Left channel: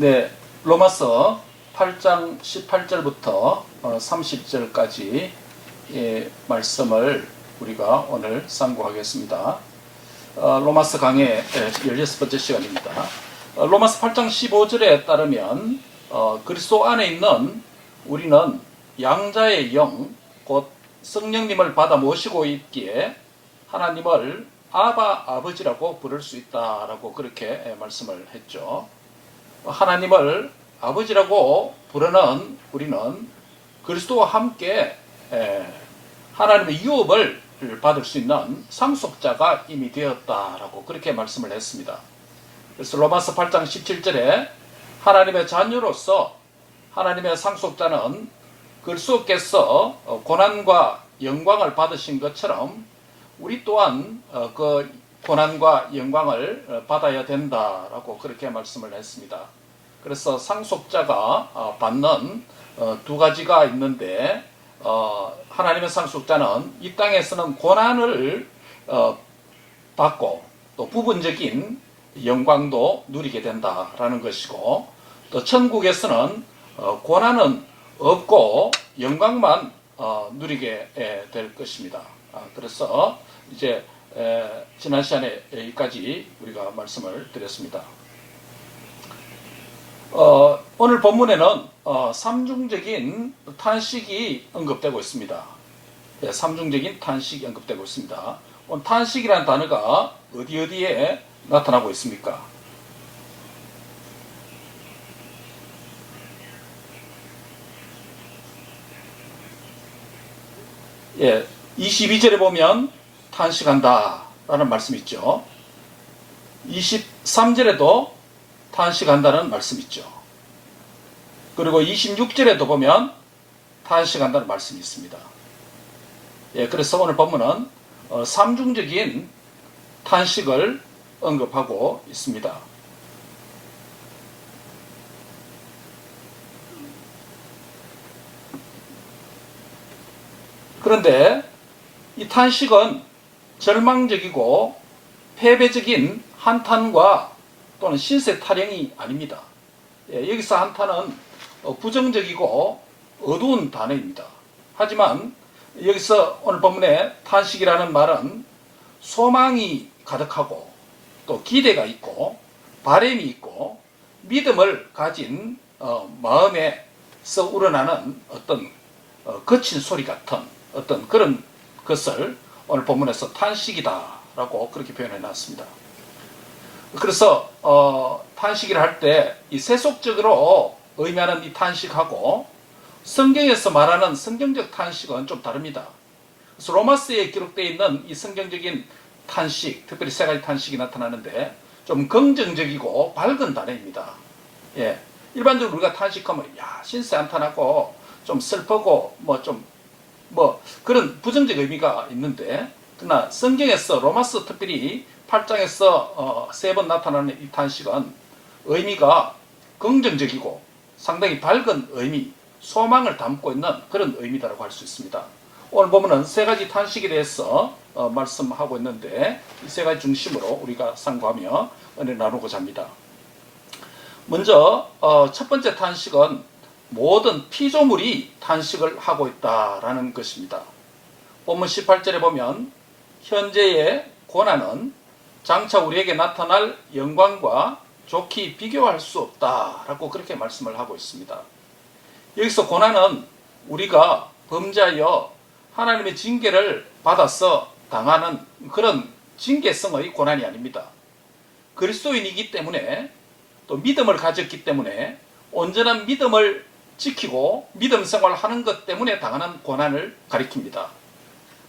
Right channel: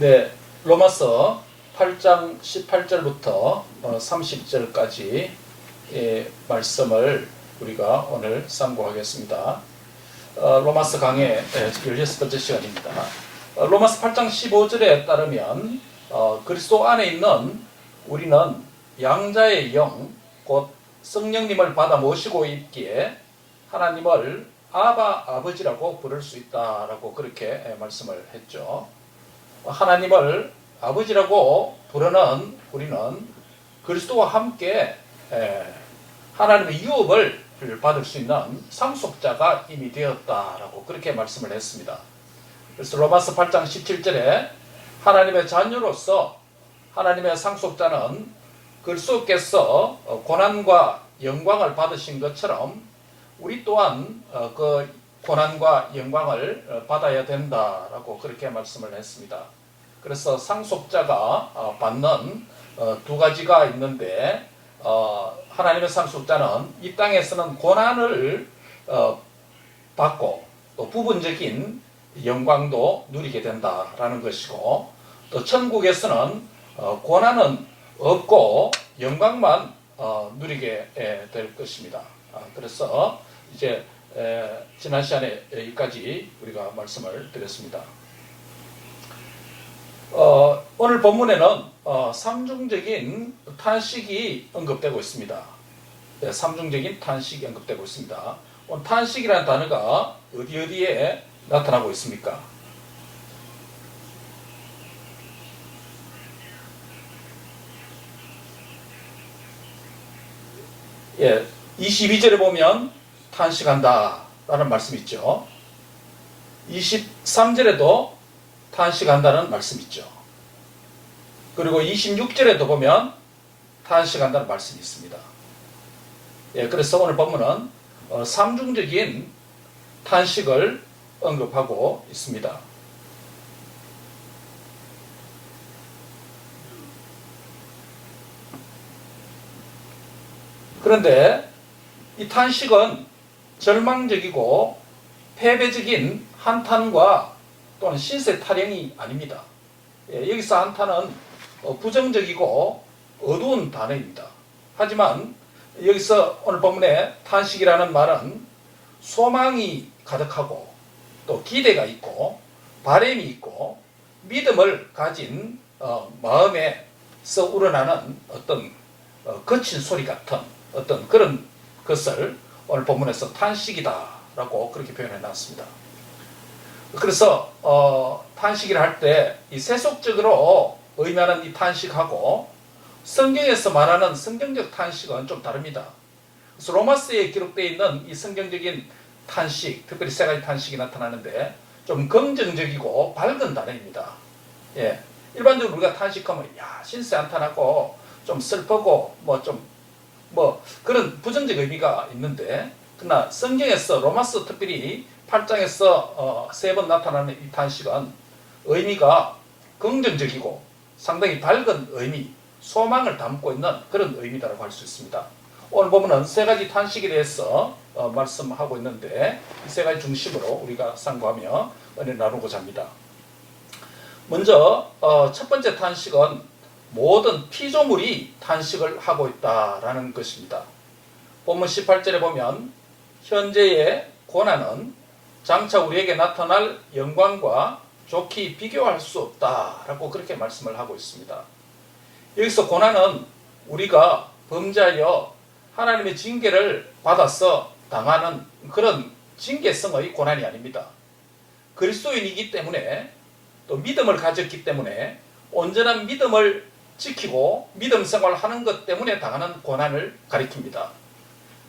네, 로마서 8장 18절부터 30절까지 말씀을 우리가 오늘 상고하겠습니다. 로마서 강의 16번째 시간입니다. 로마서 8장 15절에 따르면 그리스도 안에 있는 우리는 양자의 영, 곧 성령님을 받아 모시고 있기에 하나님을 아버지라고 부를 수 있다라고 그렇게 말씀을 했죠. 하나님을 아버지라고 부르는 우리는 그리스도와 함께 하나님의 유업을 받을 수 있는 상속자가 이미 되었다라고 그렇게 말씀을 했습니다. 그래서 로마서 8장 17절에 하나님의 자녀로서 하나님의 상속자는 그리스도께서 고난과 영광을 받으신 것처럼 우리 또한 그 고난과 영광을 받아야 된다라고 그렇게 말씀을 했습니다. 그래서 상속자가 받는 두 가지가 있는데 하나님의 상속자는 이 땅에서는 고난을 받고 또 부분적인 영광도 누리게 된다라는 것이고, 또 천국에서는 고난은 없고 영광만 누리게 될 것입니다. 그래서 이제 지난 시간에 여기까지 우리가 말씀을 드렸습니다. 오늘 본문에는 삼중적인 탄식이 언급되고 있습니다. 삼중적인 탄식이 언급되고 있습니다. 오늘 탄식이라는 단어가 어디에 나타나고 있습니까? 예, 22절에 보면 탄식한다 라는 말씀이 있죠. 23절에도 탄식한다는 말씀이 있죠. 그리고 26절에도 보면 탄식한다는 말씀이 있습니다. 예, 그래서 오늘 본문은 삼중적인 탄식을 언급하고 있습니다. 그런데 이 탄식은 절망적이고 패배적인 한탄과 또는 신세 타령이 아닙니다. 여기서 한탄은 부정적이고 어두운 단어입니다. 하지만 여기서 오늘 본문에 탄식이라는 말은 소망이 가득하고 또 기대가 있고 바람이 있고 믿음을 가진 마음에서 우러나는 어떤 거친 소리 같은 어떤 그런 것을 오늘 본문에서 탄식이다라고 그렇게 표현해 놨습니다. 그래서 탄식이라 할 때 이 세속적으로 의미하는 이 탄식하고 성경에서 말하는 성경적 탄식은 좀 다릅니다. 그래서 로마서에 기록되어 있는 이 성경적인 탄식, 특별히 세 가지 탄식이 나타나는데 좀 긍정적이고 밝은 단어입니다. 예, 일반적으로 우리가 탄식하면 신세 한탄하고 좀 슬프고 그런 부정적 의미가 있는데, 그러나 성경에서 로마서 특별히 8장에서 3번 나타나는 이 탄식은 의미가 긍정적이고 상당히 밝은 의미, 소망을 담고 있는 그런 의미다라고 할 수 있습니다. 오늘 보면은 세 가지 탄식에 대해서 말씀하고 있는데, 이 세 가지 중심으로 우리가 상고하며 은혜 나누고자 합니다. 먼저 첫 번째 탄식은 모든 피조물이 탄식을 하고 있다라는 것입니다. 본문 18절에 보면 현재의 고난은 장차 우리에게 나타날 영광과 좋게 비교할 수 없다라고 그렇게 말씀을 하고 있습니다. 여기서 고난은 우리가 범죄하여 하나님의 징계를 받아서 당하는 그런 징계성의 고난이 아닙니다. 그리스도인이기 때문에 또 믿음을 가졌기 때문에 온전한 믿음을 지키고 믿음 생활하는 것 때문에 당하는 고난을 가리킵니다.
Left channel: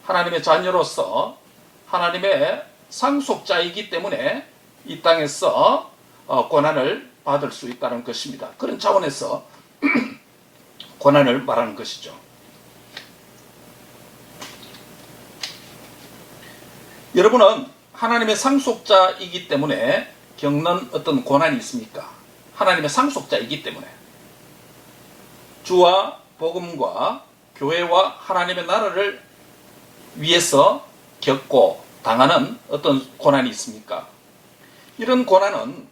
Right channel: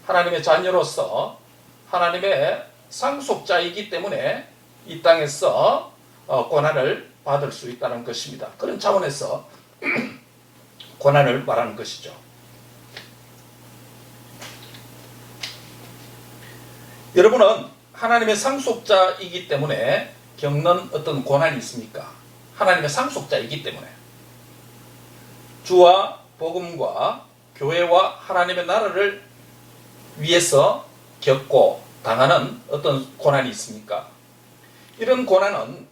하나님의 자녀로서 하나님의 상속자이기 때문에 이 땅에서 고난을 받을 수 있다는 것입니다. 그런 차원에서 고난을 말하는 것이죠. 여러분은 하나님의 상속자이기 때문에 겪는 어떤 고난이 있습니까? 하나님의 상속자이기 때문에 주와 복음과 교회와 하나님의 나라를 위해서 겪고 당하는 어떤 고난이 있습니까? 이런 고난은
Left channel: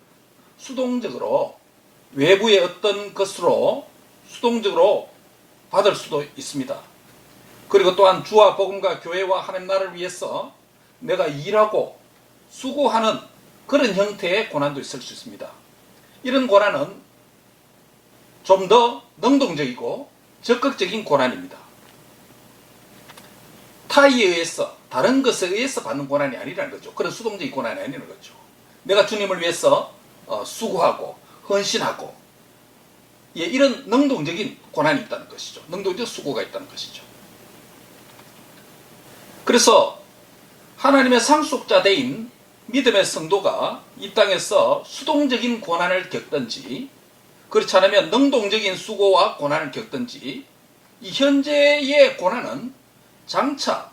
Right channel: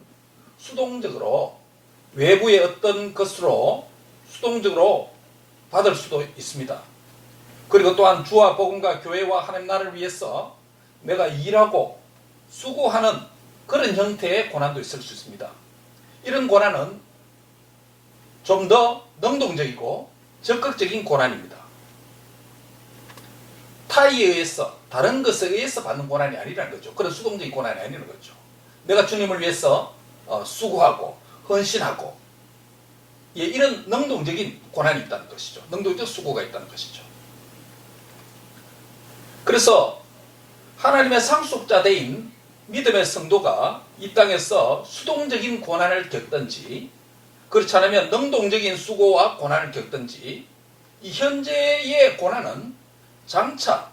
수동적으로 외부의 어떤 것으로 수동적으로 받을 수도 있습니다. 그리고 또한 주와 복음과 교회와 하나님 나라를 위해서 내가 일하고 수고하는 그런 형태의 고난도 있을 수 있습니다. 이런 고난은 좀 더 능동적이고 적극적인 고난입니다. 타의에 의해서, 다른 것에 의해서 받는 고난이 아니라는 거죠. 그런 수동적인 고난이 아니라는 거죠. 내가 주님을 위해서 수고하고 헌신하고, 예, 이런 능동적인 고난이 있다는 것이죠. 능동적 수고가 있다는 것이죠. 그래서 하나님의 상속자대인 믿음의 성도가 이 땅에서 수동적인 고난을 겪든지, 그렇지 않으면 능동적인 수고와 고난을 겪든지, 이 현재의 고난은 장차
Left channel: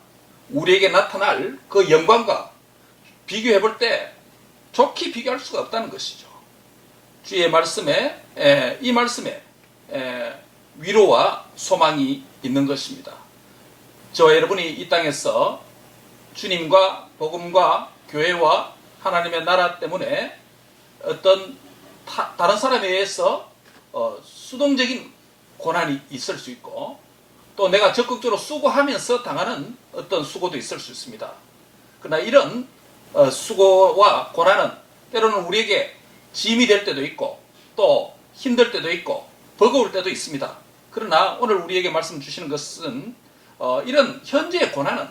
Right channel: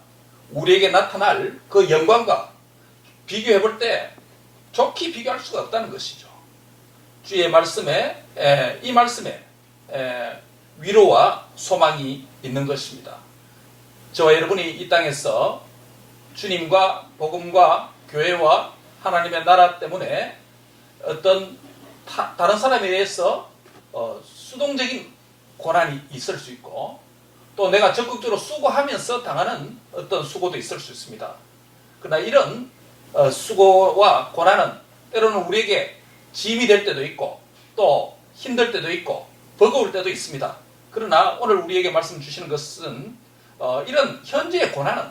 우리에게 나타날 그 영광과 비교해 볼 때 좋게 비교할 수가 없다는 것이죠. 주의 말씀에, 이 말씀에 위로와 소망이 있는 것입니다. 저와 여러분이 이 땅에서 주님과 복음과 교회와 하나님의 나라 때문에 어떤 다른 사람에 의해서 수동적인 고난이 있을 수 있고, 또 내가 적극적으로 수고하면서 당하는 어떤 수고도 있을 수 있습니다. 그러나 이런 수고와 고난은 때로는 우리에게 짐이 될 때도 있고, 또 힘들 때도 있고, 버거울 때도 있습니다. 그러나 오늘 우리에게 말씀 주시는 것은 이런 현재의 고난은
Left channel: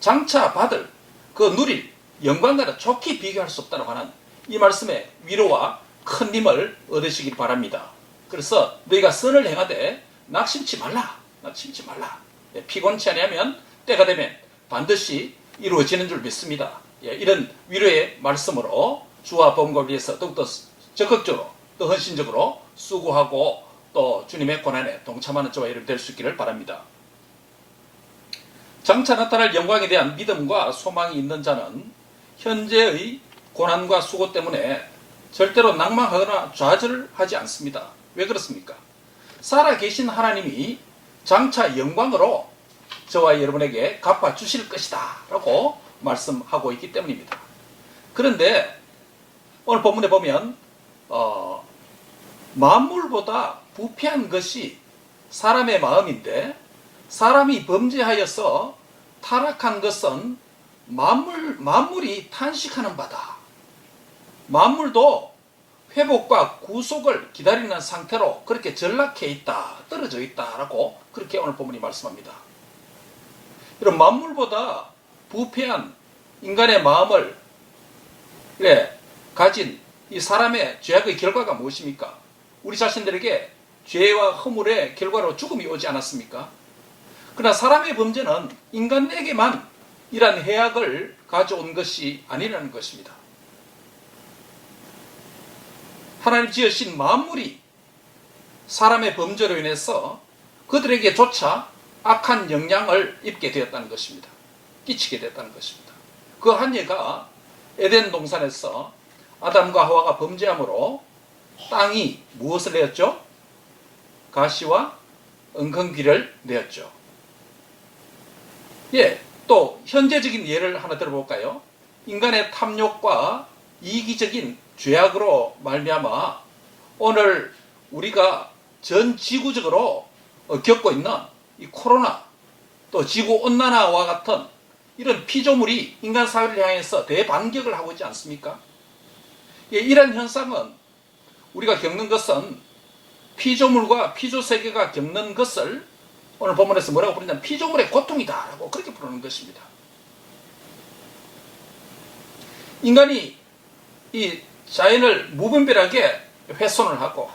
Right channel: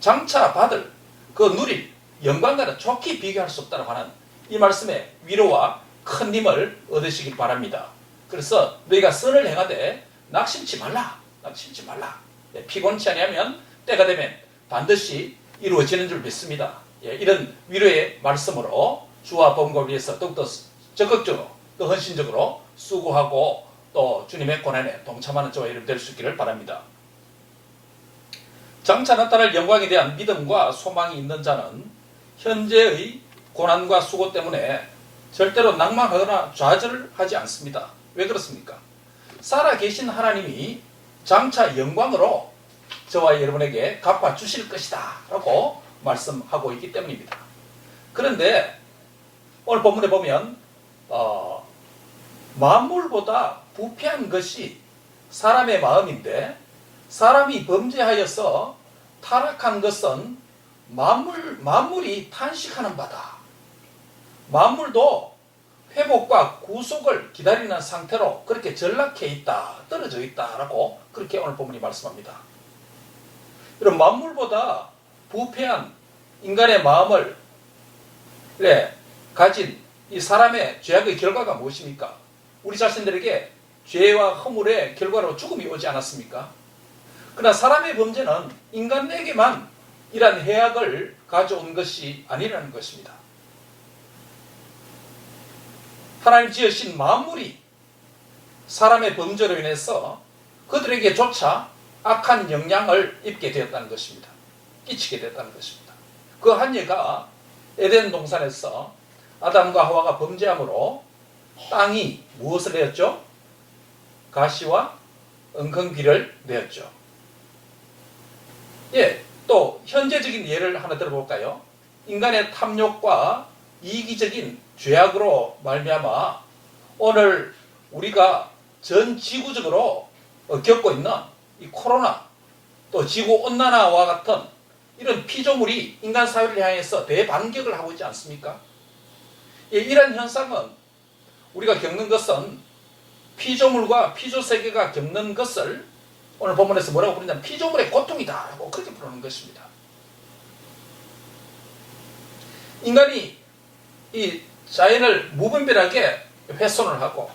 장차 받을 그 누릴 영광과는 좋게 비교할 수 없다고 하는 이 말씀의 위로와 큰 힘을 얻으시길 바랍니다. 그래서 너희가 선을 행하되 낙심치 말라. 낙심치 말라. 피곤치 아니하면 때가 되면 반드시 이루어지는 줄 믿습니다. 이런 위로의 말씀으로 주와 복음을 위해서 더욱더 적극적으로 또 헌신적으로 수고하고 또 주님의 고난에 동참하는 저와 여러분 될 수 있기를 바랍니다. 장차 나타날 영광에 대한 믿음과 소망이 있는 자는 현재의 고난과 수고 때문에 절대로 낭망하거나 좌절하지 않습니다. 왜 그렇습니까? 살아계신 하나님이 장차 영광으로 저와 여러분에게 갚아주실 것이다 라고 말씀하고 있기 때문입니다. 그런데 오늘 본문에 보면 만물보다 부패한 것이 사람의 마음인데, 사람이 범죄하여서 타락한 것은 만물이 탄식하는 바다. 만물도 회복과 구속을 기다리는 상태로 그렇게 전락해 있다, 떨어져 있다라고 그렇게 오늘 본문이 말씀합니다. 이런 만물보다 부패한 인간의 마음을 가진 이 사람의 죄악의 결과가 무엇입니까? 우리 자신들에게 죄와 허물의 결과로 죽음이 오지 않았습니까? 그러나 사람의 범죄는 인간에게만 이러한 해악을 가져온 것이 아니라는 것입니다. 하나님 지으신 만물이 사람의 범죄로 인해서 그들에게조차 악한 영향을 입게 되었다는 것입니다. 끼치게 됐다는 것입니다. 그 한 예가 에덴 동산에서 아담과 하와가 범죄함으로 땅이 무엇을 내었죠? 가시와 엉겅퀴를 내었죠. 또 현재적인 예를 하나 들어볼까요? 인간의 탐욕과 이기적인 죄악으로 말미암아 오늘 우리가 전 지구적으로 겪고 있는 이 코로나, 또 지구온난화와 같은 이런 피조물이 인간 사회를 향해서 대반격을 하고 있지 않습니까? 이런 현상은 우리가 겪는 것은 피조물과 피조세계가 겪는 것을 오늘 본문에서 뭐라고 부르냐면 피조물의 고통이다 라고 그렇게 부르는 것입니다. 인간이 이 자연을 무분별하게 훼손을 하고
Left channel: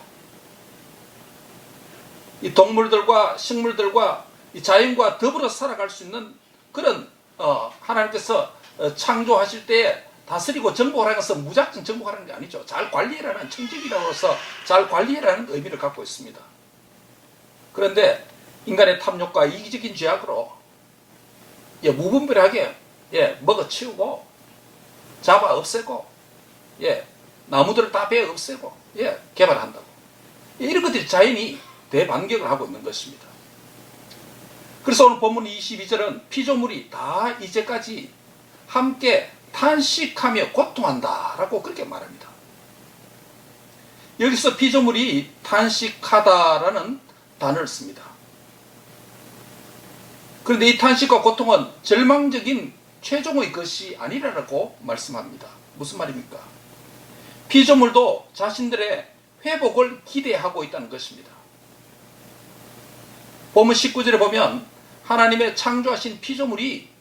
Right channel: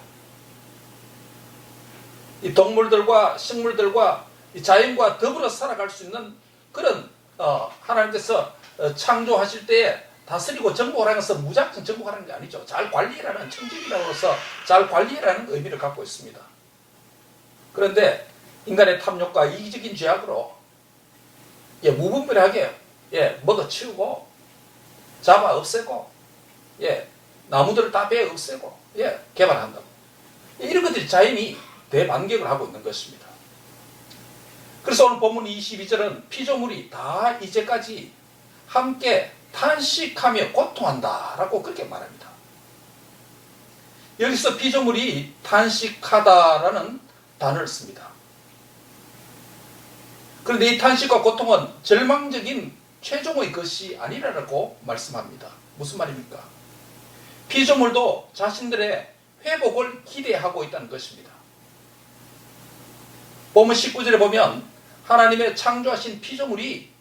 이 동물들과 식물들과 이 자연과 더불어 살아갈 수 있는 그런 하나님께서 창조하실 때에 다스리고 정복하라는 것은 무작정 정복하는 게 아니죠. 잘 관리해라는 청지기로서 잘 관리해라는 의미를 갖고 있습니다. 그런데 인간의 탐욕과 이기적인 죄악으로 무분별하게 먹어치우고 잡아 없애고 나무들을 다 베어 없애고 개발한다고, 이런 것들이 자연이 대반격을 하고 있는 것입니다. 그래서 오늘 본문 22절은 피조물이 다 이제까지 함께 탄식하며 고통한다 라고 그렇게 말합니다. 여기서 피조물이 탄식하다라는 단어를 씁니다. 그런데 이 탄식과 고통은 절망적인 최종의 것이 아니라고 말씀합니다. 무슨 말입니까? 피조물도 자신들의 회복을 기대하고 있다는 것입니다. 본문 19절에 보면 하나님의 창조하신 피조물이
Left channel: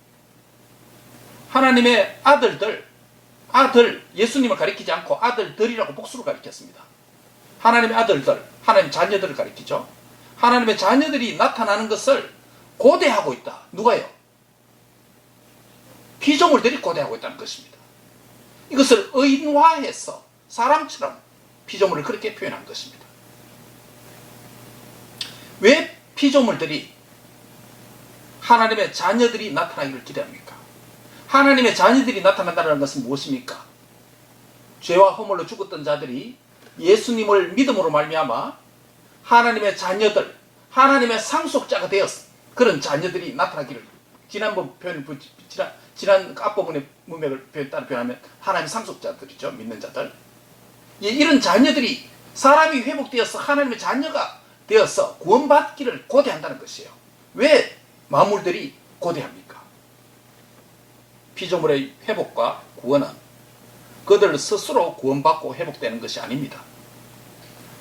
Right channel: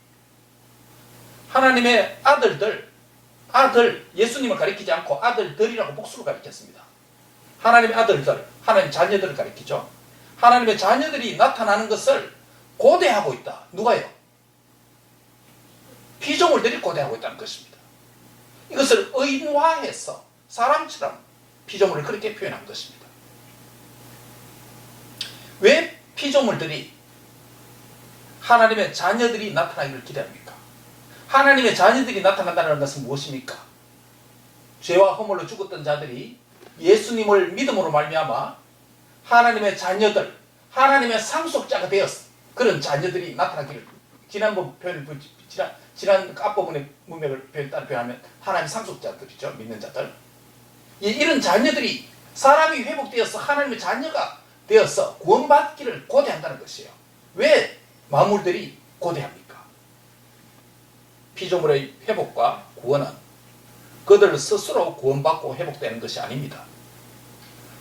하나님의 아들, 예수님을 가리키지 않고 아들들이라고 복수로 가리켰습니다. 하나님의 아들들, 하나님의 자녀들을 가리키죠. 하나님의 자녀들이 나타나는 것을 고대하고 있다. 누가요? 피조물들이 고대하고 있다는 것입니다. 이것을 의인화해서 사람처럼 피조물을 그렇게 표현한 것입니다. 왜 피조물들이 하나님의 자녀들이 나타나기를 기대합니까? 하나님의 자녀들이 나타난다는 것은 무엇입니까? 죄와 허물로 죽었던 자들이 예수님을 믿음으로 말미암아 하나님의 자녀들, 하나님의 상속자가 되었어. 그런 자녀들이 나타나기를 지난 앞부분의 문맥을 따라 표현하면 하나님의 상속자들이죠. 믿는 자들. 이런 자녀들이 사람이 회복되어서 하나님의 자녀가 되어서 구원받기를 고대한다는 것이에요. 왜 만물들이 고대합니까? 피조물의 회복과 구원은 그들 스스로 구원받고 회복되는 것이 아닙니다.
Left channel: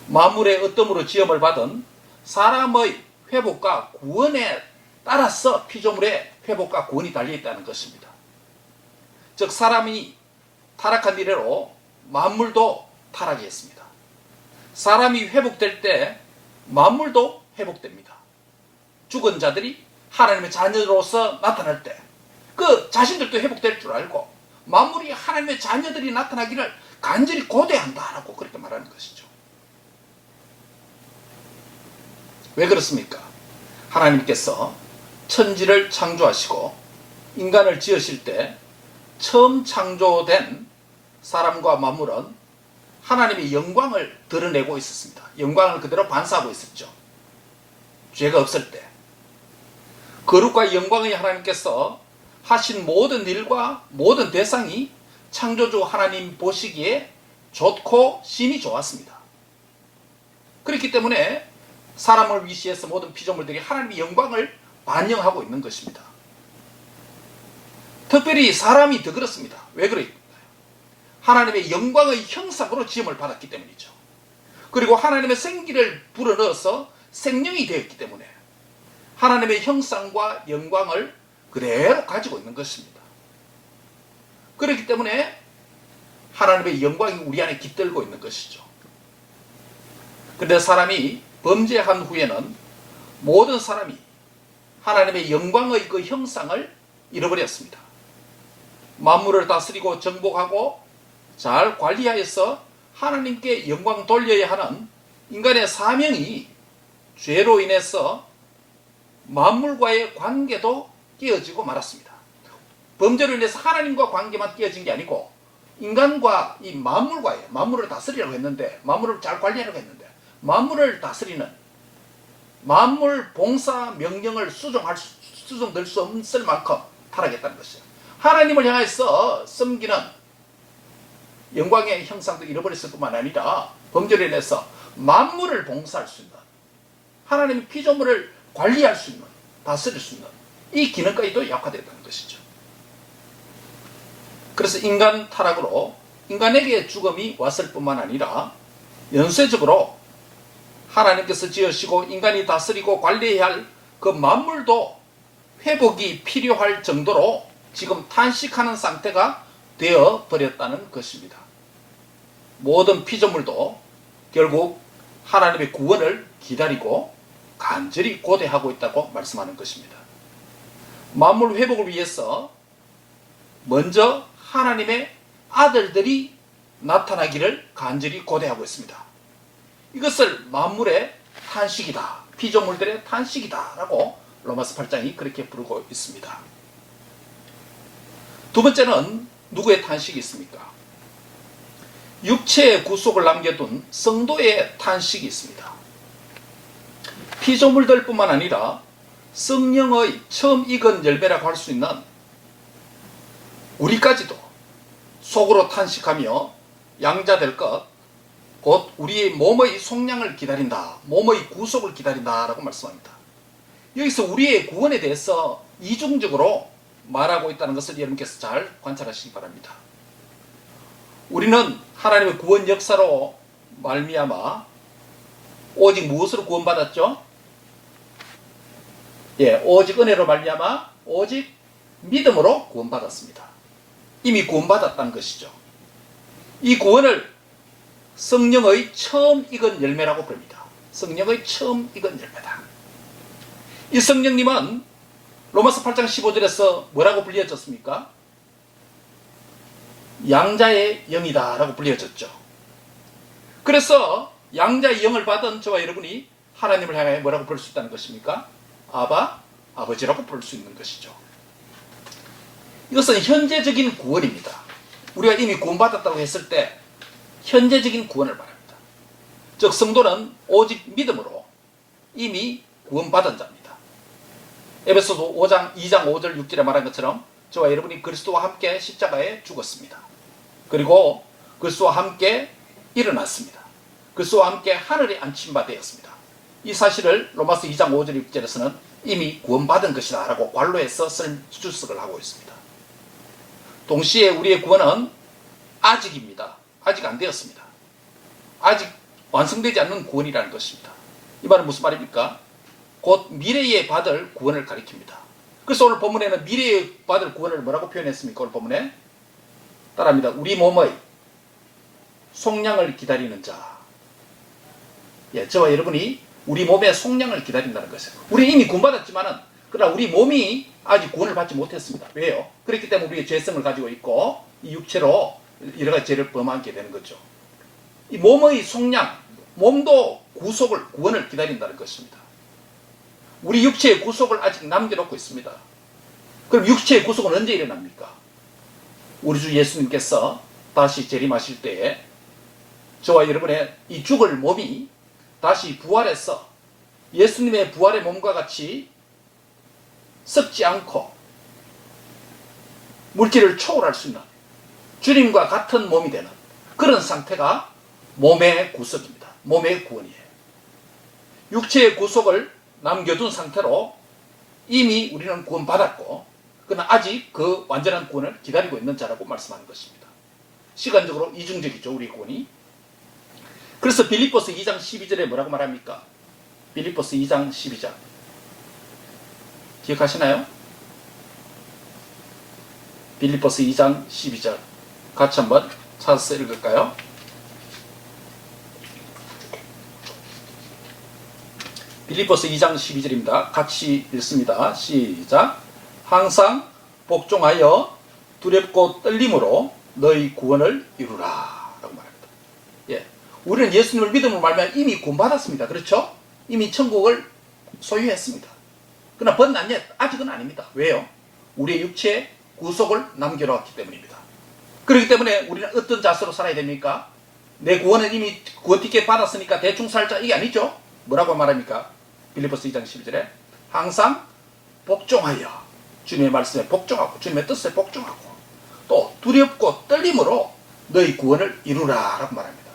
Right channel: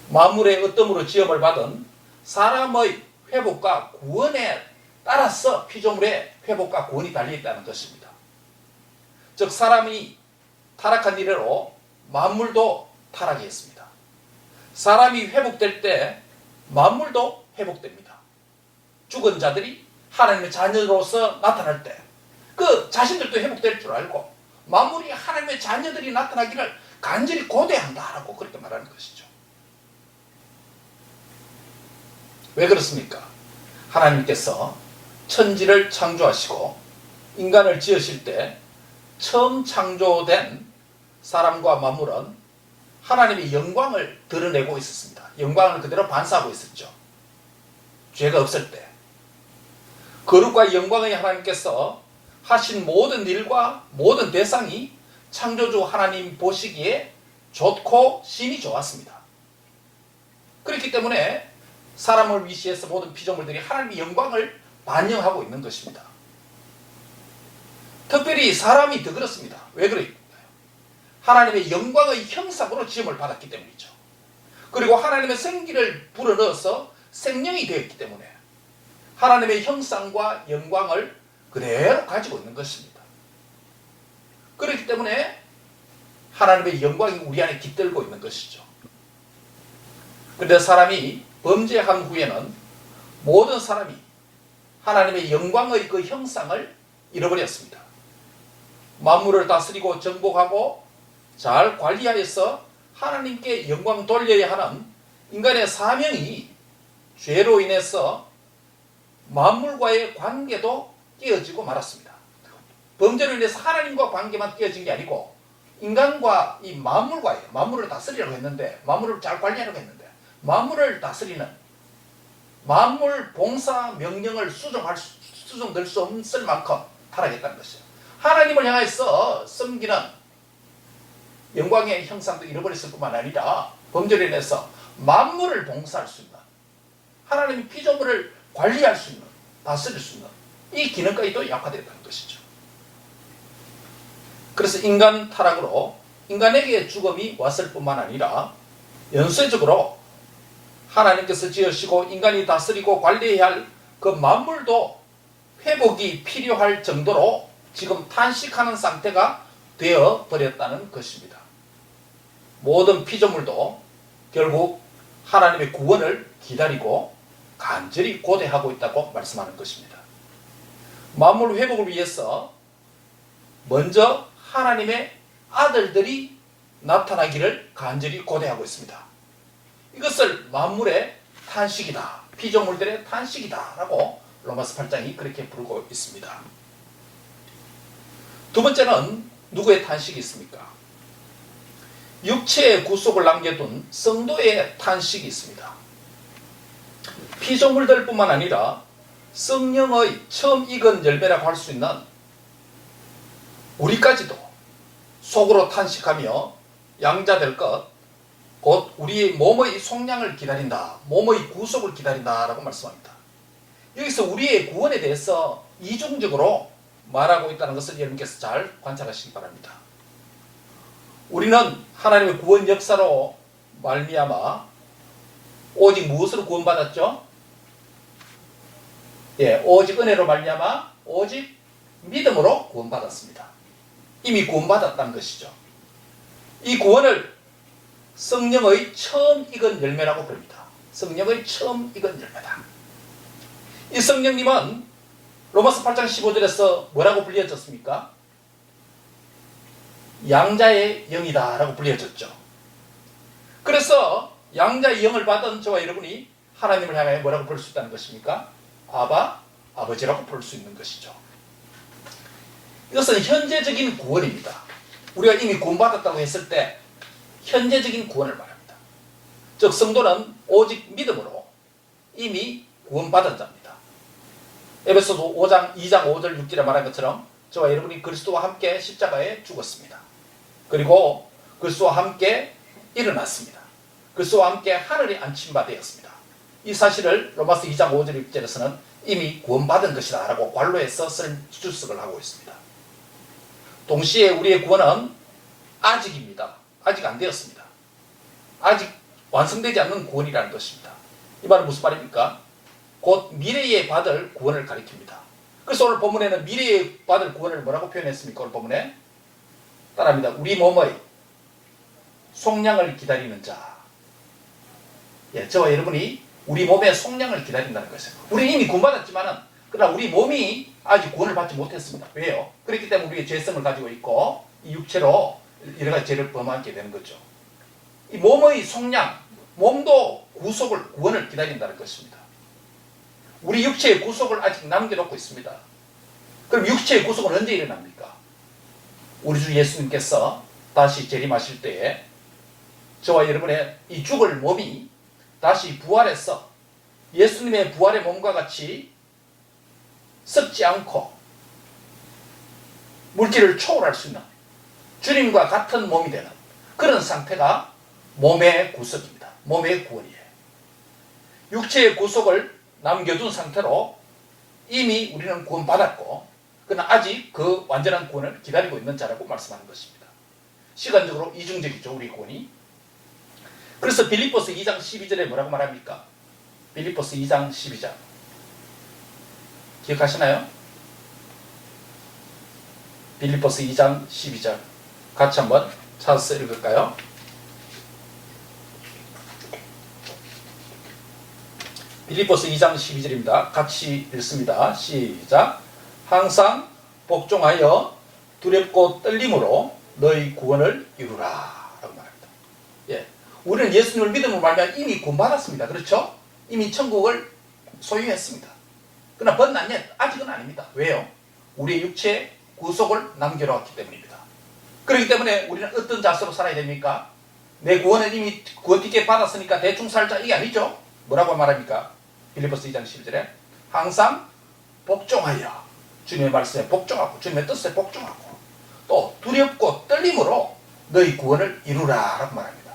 만물의 어떠므로 지음을 받은 사람의 회복과 구원에 따라서 피조물의 회복과 구원이 달려있다는 것입니다. 즉 사람이 타락한 이래로 만물도 타락했습니다. 사람이 회복될 때 만물도 회복됩니다. 죽은 자들이 하나님의 자녀로서 나타날 때 그 자신들도 회복될 줄 알고 만물이 하나님의 자녀들이 나타나기를 간절히 고대한다라고 그렇게 말하는 것이죠. 왜 그렇습니까? 하나님께서 천지를 창조하시고 인간을 지으실 때 처음 창조된 사람과 만물은 하나님의 영광을 드러내고 있었습니다. 영광을 그대로 반사하고 있었죠. 죄가 없을 때. 거룩과 영광의 하나님께서 하신 모든 일과 모든 대상이 창조주 하나님 보시기에 좋고 심히 좋았습니다. 그렇기 때문에 사람을 위시해서 모든 피조물들이 하나님의 영광을 반영하고 있는 것입니다. 특별히 사람이 더 그렇습니다. 왜 그럴까요? 하나님의 영광의 형상으로 지음을 받았기 때문이죠. 그리고 하나님의 생기를 불어넣어서 생명이 되었기 때문에 하나님의 형상과 영광을 그대로 가지고 있는 것입니다. 그렇기 때문에 하나님의 영광이 우리 안에 깃들고 있는 것이죠. 그런데 사람이 범죄한 후에는 모든 사람이 하나님의 영광의 그 형상을 잃어버렸습니다. 만물을 다스리고 정복하고 잘 관리하여서 하나님께 영광 돌려야 하는 인간의 사명이 죄로 인해서 만물과의 관계도 깨어지고 말았습니다. 범죄로 인해서 하나님과 관계만 깨어진 게 아니고 인간과 이 만물을 다스리려고 했는데, 만물을 잘 관리하려고 했는데, 만물을 다스리는 만물 봉사 명령을 수정될 수 없을 만큼 타락했다는 것이에요. 하나님을 향해서 섬기는 영광의 형상도 잃어버렸을 뿐만 아니라 범죄로 인해서 만물을 봉사할 수 있는, 하나님의 피조물을 관리할 수 있는, 다스릴 수 있는 이 기능까지도 약화되었다는 것이죠. 그래서 인간 타락으로 인간에게 죽음이 왔을 뿐만 아니라 연쇄적으로 하나님께서 지으시고 인간이 다스리고 관리해야 할 그 만물도 회복이 필요할 정도로 지금 탄식하는 상태가 되어 버렸다는 것입니다. 모든 피조물도 결국 하나님의 구원을 기다리고 간절히 고대하고 있다고 말씀하는 것입니다. 만물 회복을 위해서 먼저 하나님의 아들들이 나타나기를 간절히 고대하고 있습니다. 이것을 만물의 탄식이다, 피조물들의 탄식이다 라고 로마서 8장이 그렇게 부르고 있습니다. 두 번째는 누구의 탄식이 있습니까? 육체의 구속을 남겨둔 성도의 탄식이 있습니다. 피조물들 뿐만 아니라 성령의 처음 익은 열매라고 할 수 있는 우리까지도 속으로 탄식하며 양자될 것, 곧 우리의 몸의 속량을 기다린다. 몸의 구속을 기다린다 라고 말씀합니다. 여기서 우리의 구원에 대해서 이중적으로 말하고 있다는 것을 여러분께서 잘 관찰하시기 바랍니다. 우리는 하나님의 구원 역사로 말미암아 오직 무엇으로 구원받았죠? 오직 은혜로 말미암아 오직 믿음으로 구원받았습니다. 이미 구원받았다는 것이죠. 이 구원을 성령의 처음 익은 열매라고 부릅니다. 성령의 처음 익은 열매다. 이 성령님은 로마서 8장 15절에서 뭐라고 불려졌습니까? 양자의 영이다 라고 불려졌죠. 그래서 양자의 영을 받은 저와 여러분이 하나님을 향해 뭐라고 부를 수 있다는 것입니까? 아바, 아버지라고 부를 수 있는 것이죠. 이것은 현재적인 구원입니다. 우리가 이미 구원받았다고 했을 때 현재적인 구원을 말합니다. 즉 성도는 오직 믿음으로 이미 구원받은 자입니다. 에베소서 2장 5절 6절에 말한 것처럼 저와 여러분이 그리스도와 함께 십자가에 죽었습니다. 그리고 그리스도와 함께 일어났습니다. 그리스도와 함께 하늘에 안침바 되었습니다. 이 사실을 로마서 2장 5절 6절에서는 이미 구원받은 것이다 라고 관로에서 주석을 하고 있습니다. 동시에 우리의 구원은 아직입니다. 아직 안 되었습니다. 아직 완성되지 않는 구원이라는 것입니다. 이 말은 무슨 말입니까? 곧 미래에 받을 구원을 가리킵니다. 그래서 오늘 본문에는 미래에 받을 구원을 뭐라고 표현했습니까? 오늘 본문에 따라합니다. 우리 몸의 속량을 기다리는 자. 저와 여러분이 우리 몸의 속량을 기다린다는 것이에요. 우리는 이미 구원받았지만은 그러나 우리 몸이 아직 구원을 받지 못했습니다. 왜요? 그렇기 때문에 우리의 죄성을 가지고 있고 이 육체로 여러 가지 죄를 범하게 되는 거죠. 이 몸의 속량, 몸도 구원을 기다린다는 것입니다. 우리 육체의 구속을 아직 남겨놓고 있습니다. 그럼 육체의 구속은 언제 일어납니까? 우리 주 예수님께서 다시 재림하실 때에 저와 여러분의 이 죽을 몸이 다시 부활해서 예수님의 부활의 몸과 같이 썩지 않고 물질을 초월할 수 있는 주님과 같은 몸이 되는 그런 상태가 몸의 구속입니다. 몸의 구원이에요. 육체의 구속을 남겨둔 상태로 이미 우리는 구원받았고 그러나 아직 그 완전한 구원을 기다리고 있는 자라고 말씀하는 것입니다. 시간적으로 이중적이죠. 우리 구원이. 그래서 빌립보서 2장 12절에 뭐라고 말합니까? 빌립보서 2장 12절 기억하시나요? 빌립보서 2장 12절 같이 한번 찾아서 읽을까요? 빌립보서 2장 12절입니다. 같이 읽습니다. 시작. 항상 복종하여 두렵고 떨림으로 너희 구원을 이루라 라고 말합니다. 우리는 예수님을 믿음으로 말하면 이미 구원받았습니다. 그렇죠? 이미 천국을 소유했습니다. 그러나 아직은 아닙니다. 왜요? 우리의 육체의 구속을 남겨놓았기 때문입니다. 그렇기 때문에 우리는 어떤 자세로 살아야 됩니까? 내 구원은 이미 구원 티켓 받았으니까 대충 살자 이게 아니죠? 뭐라고 말합니까? 빌립보서 2장 12절에 항상 복종하여 주님의 말씀에 복종하고 주님의 뜻에 복종하고 또 두렵고 떨림으로 너희 구원을 이루라 라고 말합니다.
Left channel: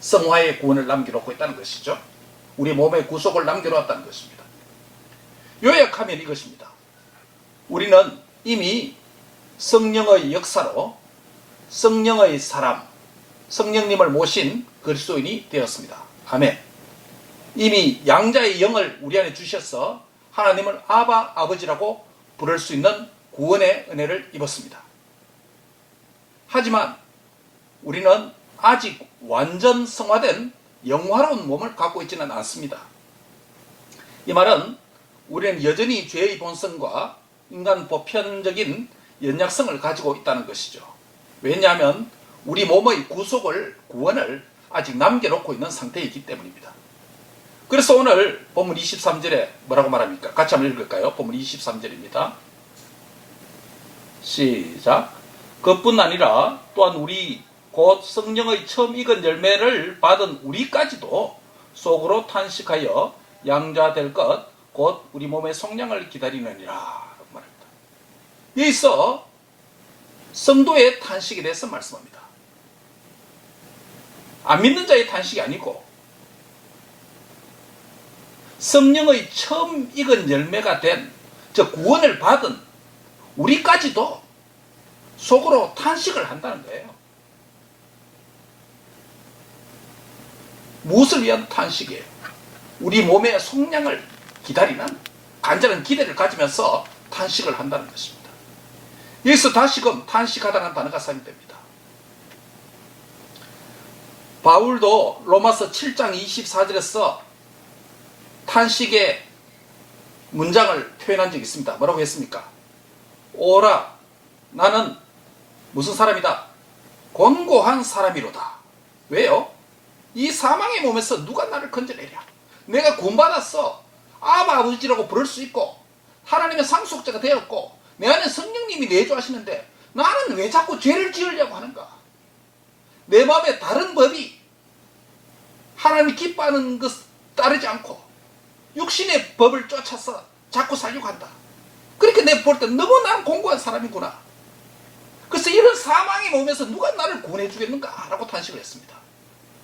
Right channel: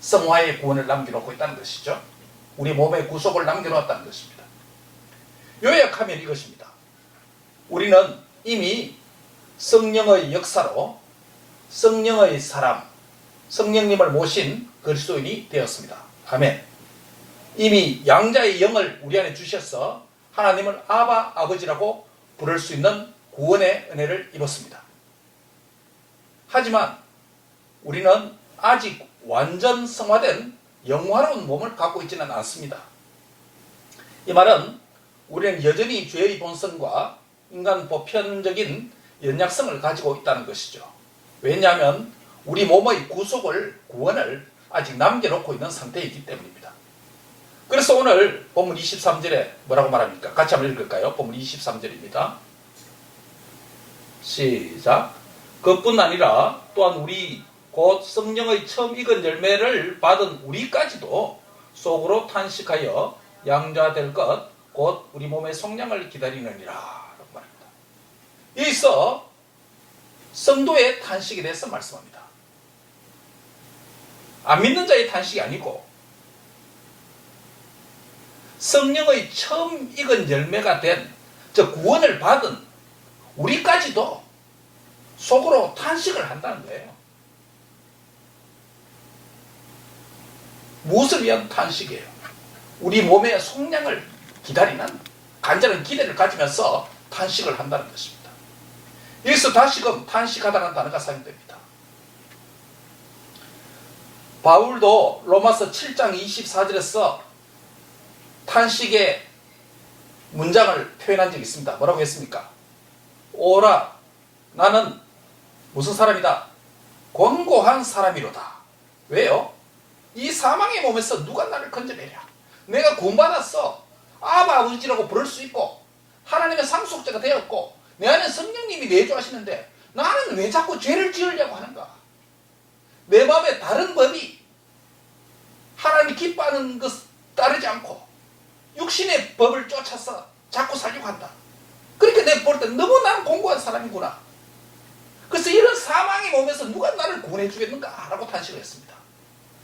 성화의 구원을 남겨놓고 있다는 것이죠. 우리 몸의 구속을 남겨놓았다는 것입니다. 요약하면 이것입니다. 우리는 이미 성령의 역사로 성령의 사람, 성령님을 모신 그리스도인이 되었습니다. 아멘. 이미 양자의 영을 우리 안에 주셔서 하나님을 아바, 아버지라고 부를 수 있는 구원의 은혜를 입었습니다. 하지만 우리는 아직 완전 성화된 영화로운 몸을 갖고 있지는 않습니다. 이 말은 우리는 여전히 죄의 본성과 인간 보편적인 연약성을 가지고 있다는 것이죠. 왜냐하면 우리 몸의 구원을 아직 남겨놓고 있는 상태이기 때문입니다. 그래서 오늘 본문 23절에 뭐라고 말합니까? 같이 한번 읽을까요? 본문 23절입니다. 시작. 그뿐 아니라 또한 우리 곧 성령의 처음 익은 열매를 받은 우리까지도 속으로 탄식하여 양자될 것 곧 우리 몸의 속량을 기다리느니라 라고 말합니다. 여기서 성도의 탄식에 대해서 말씀합니다. 안 믿는 자의 탄식이 아니고 성령의 처음 익은 열매가 된 저 구원을 받은 우리까지도 속으로 탄식을 한다는 거예요. 무엇을 위한 탄식이에요? 우리 몸의 속량을 기다리는 간절한 기대를 가지면서 탄식을 한다는 것입니다. 여기서 다시금 탄식하다는 단어가 사용됩니다. 바울도 로마서 7장 24절에서 탄식의 문장을 표현한 적이 있습니다. 뭐라고 했습니까? 오라, 나는 무슨 사람이다? 곤고한 사람이로다. 왜요? 이 사망의 몸에서 누가 나를 건져내랴? 내가 구원받았어. 아바 아버지라고 부를 수 있고 하나님의 상속자가 되었고 내 안에 성령님이 내주하시는데 나는 왜 자꾸 죄를 지으려고 하는가? 내 마음에 다른 법이 하나님이 기뻐하는 것 따르지 않고 육신의 법을 쫓아서 자꾸 살려고 한다. 그렇게 내가 볼 때 너무 난 공고한 사람이구나. 그래서 이런 사망의 몸에서 누가 나를 구원해 주겠는가? 라고 탄식을 했습니다.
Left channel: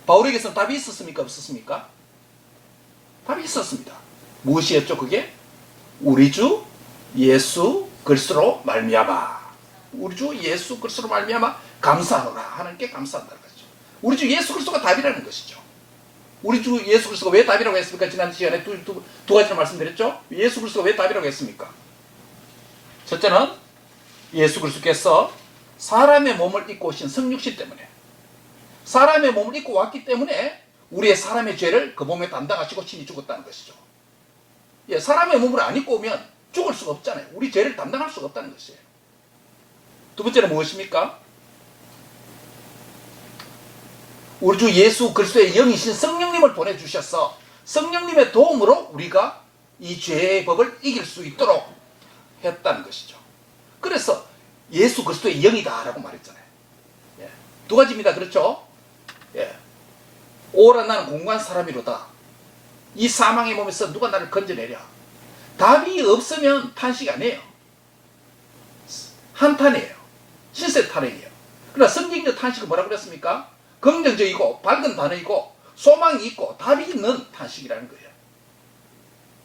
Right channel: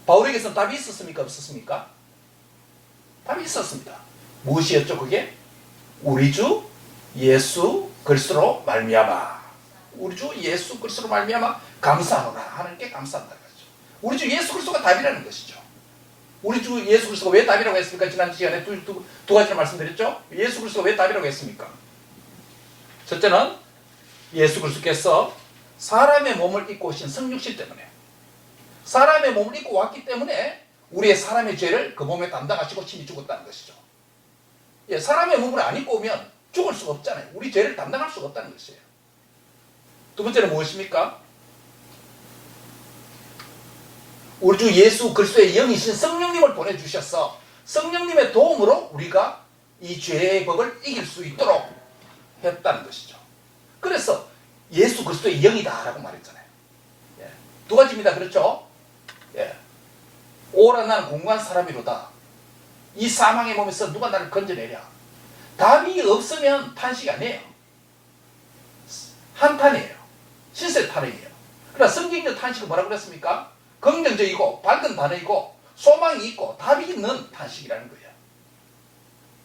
바울에게서는 답이 있었습니까? 없었습니까? 답이 있었습니다. 무엇이었죠 그게? 우리 주 예수 그리스도로 말미암아. 우리 주 예수 그리스도로 말미암아 감사하노라. 하나님께 감사한다는 거죠. 우리 주 예수 그리스도가 답이라는 것이죠. 우리 주 예수 그리스도가 왜 답이라고 했습니까? 지난 시간에 두 가지를 말씀드렸죠. 예수 그리스도가 왜 답이라고 했습니까? 첫째는 예수 그리스도께서 사람의 몸을 입고 오신 성육신 때문에, 사람의 몸을 입고 왔기 때문에 우리의 사람의 죄를 그 몸에 담당하시고 친히 죽었다는 것이죠. 예, 사람의 몸을 안 입고 오면 죽을 수가 없잖아요. 우리 죄를 담당할 수가 없다는 것이에요. 두 번째는 무엇입니까? 우리 주 예수 그리스도의 영이신 성령님을 보내주셔서 성령님의 도움으로 우리가 이 죄의 법을 이길 수 있도록 했다는 것이죠. 그래서 예수 그리스도의 영이다 라고 말했잖아요. 예. 두 가지입니다. 그렇죠? 예. 오라 나는 공고한 사람이로다. 이 사망의 몸에서 누가 나를 건져내랴. 답이 없으면 탄식이 아니에요. 한탄이에요. 신세탄이에요. 그러나 성경적 탄식은 뭐라고 그랬습니까? 긍정적이고 밝은 단어이고 소망이 있고 답이 있는 탄식이라는 거예요.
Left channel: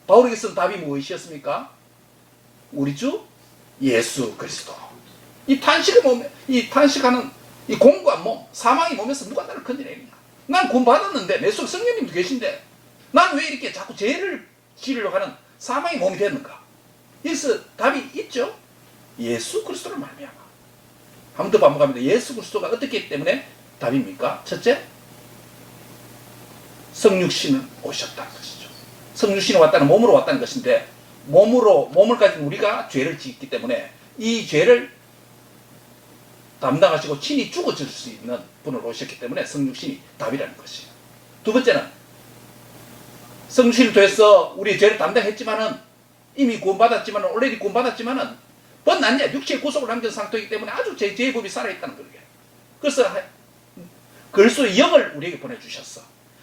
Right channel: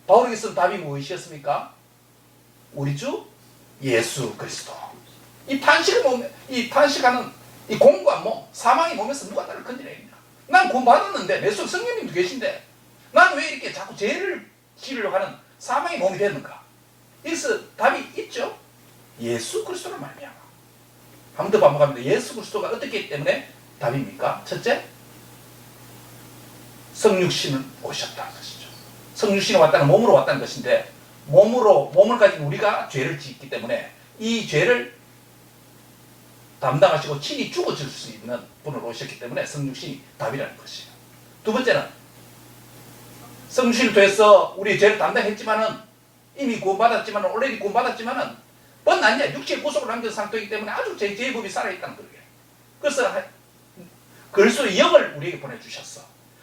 바울에게서는 답이 무엇이었습니까? 우리 주 예수 그리스도. 이 탄식하는 이 공고한 몸, 사망의 몸에서 누가 나를 건져내느냐? 난 구원받았는데 내 속에 성령님도 계신데 난 왜 이렇게 자꾸 죄를 지으려고 하는 사망의 몸이 됐는가? 여기서 답이 있죠. 예수 그리스도를 말미암아. 한 번 더 반복합니다. 예수 그리스도가 어떻게 했기 때문에 답입니까? 첫째, 성육신은 오셨다는 것이죠. 성육신이 왔다는 몸으로 왔다는 것인데 몸을 가진 우리가 죄를 짓기 때문에 이 죄를 담당하시고 친히 죽어줄 수 있는 분으로 오셨기 때문에 성육신이 답이라는 것이에요. 두 번째는 성육신을 통해서 우리의 죄를 담당했지만은 이미 구원받았지만은 올레디 구원받았지만은 번난냐 육체의 구속을 남긴 상태이기 때문에 아주 죄의 법이 살아있다는 거예요. 그래서 그리스도의 영을 우리에게 보내주셨어.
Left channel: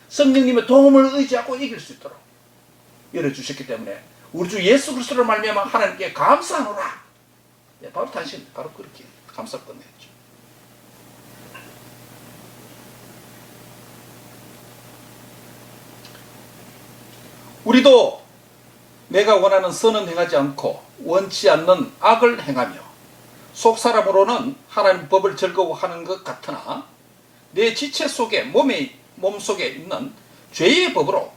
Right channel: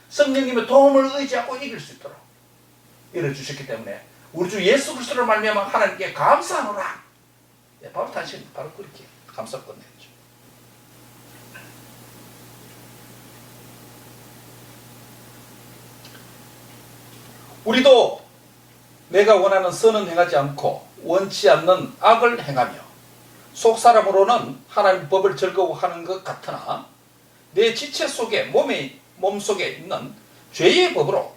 성령님의 도움을 의지하고 이길 수 있도록 열어주셨기 때문에 우리 주 예수 그리스도를 말미암아 하나님께 감사하노라. 예, 바로 단신 바로 그렇게 감사를 끝내죠. 우리도 내가 원하는 선은 행하지 않고 원치 않는 악을 행하며 속사람으로는 하나님 법을 즐거워하는 것 같으나 내 지체 속에 몸 속에 있는 죄의 법으로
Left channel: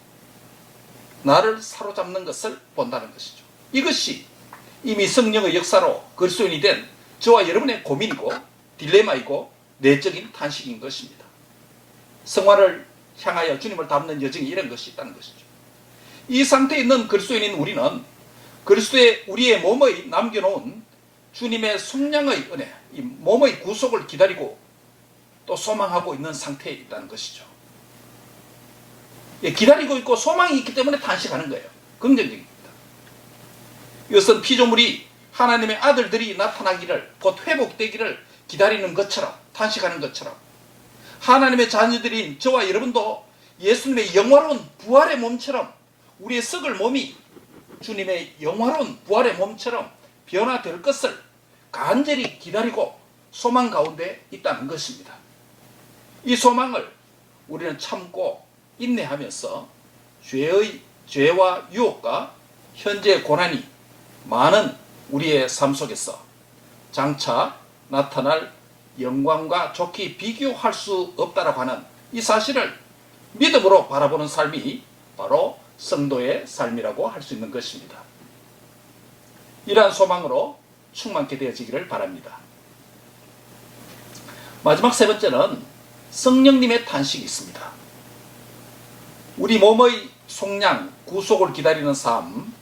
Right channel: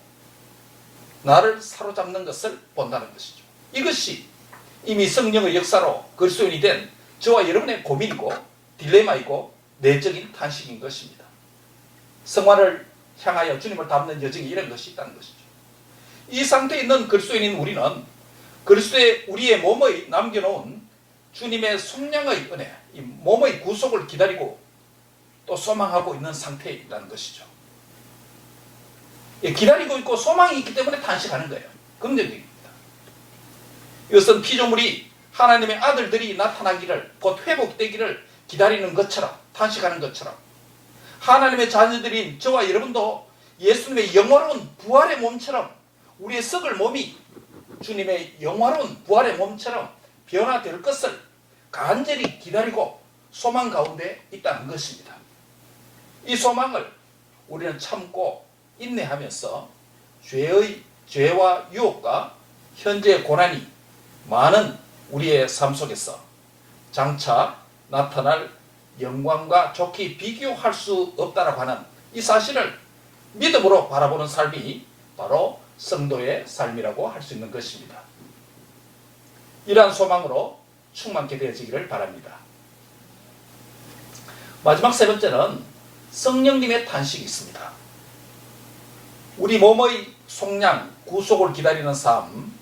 나를 사로잡는 것을 본다는 것이죠. 이것이 이미 성령의 역사로 그리스도인이 된 저와 여러분의 고민이고 딜레마이고 내적인 탄식인 것입니다. 성화를 향하여 주님을 닮는 여정이 이런 것이 있다는 것이죠. 이 상태에 있는 그리스도인인 우리는 그리스도의 우리의 몸의 남겨놓은 주님의 속량의 은혜, 이 몸의 구속을 기다리고 또 소망하고 있는 상태에 있다는 것이죠. 예, 기다리고 있고 소망이 있기 때문에 탄식하는 거예요. 긍정적입니다. 이것은 피조물이 하나님의 아들들이 나타나기를 곧 회복되기를 기다리는 것처럼 탄식하는 것처럼 하나님의 자녀들인 저와 여러분도 예수님의 영화로운 부활의 몸처럼 우리의 썩을 몸이 주님의 영화로운 부활의 몸처럼 변화될 것을 간절히 기다리고 소망 가운데 있다는 것입니다. 이 소망을 우리는 참고 인내하면서 죄와 유혹과 현재의 고난이 많은 우리의 삶 속에서 장차 나타날 영광과 좋게 비교할 수 없다라고 하는 이 사실을 믿음으로 바라보는 삶이 바로 성도의 삶이라고 할 수 있는 것입니다. 이러한 소망으로 충만케 되어지기를 바랍니다. 마지막 세 번째는 성령님의 탄식이 있습니다. 우리 몸의 속량, 구속을 기다리는 삶,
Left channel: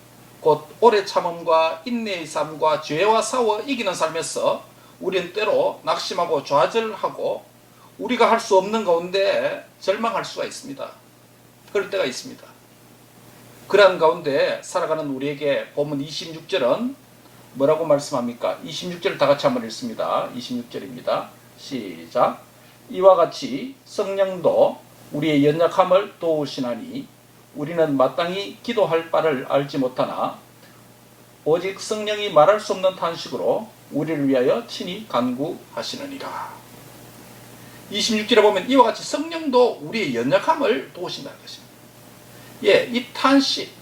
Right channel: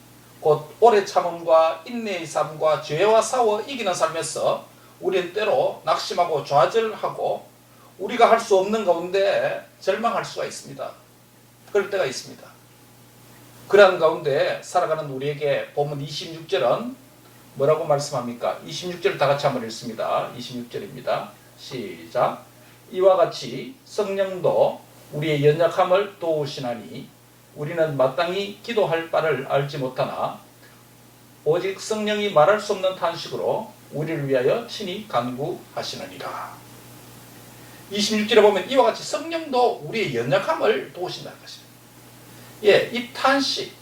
곧 오래 참음과 인내의 삶과 죄와 싸워 이기는 삶에서 우리는 때로 낙심하고 좌절하고 우리가 할 수 없는 가운데 절망할 수가 있습니다. 그럴 때가 있습니다. 그러한 가운데 살아가는 우리에게 본문 26절은 뭐라고 말씀합니까? 26절을 다 같이 한번 읽습니다. 26절입니다. 시작. 이와 같이 성령도 우리의 연약함을 도우시나니 우리는 마땅히 기도할 바를 알지 못하나 오직 성령이 말할 수 없는 탄식으로 우리를 위하여 친히 간구하시느니라. 26절에 보면 이와 같이 성령도 우리의 연약함을 도우신다는 것입니다. 예, 이 탄식,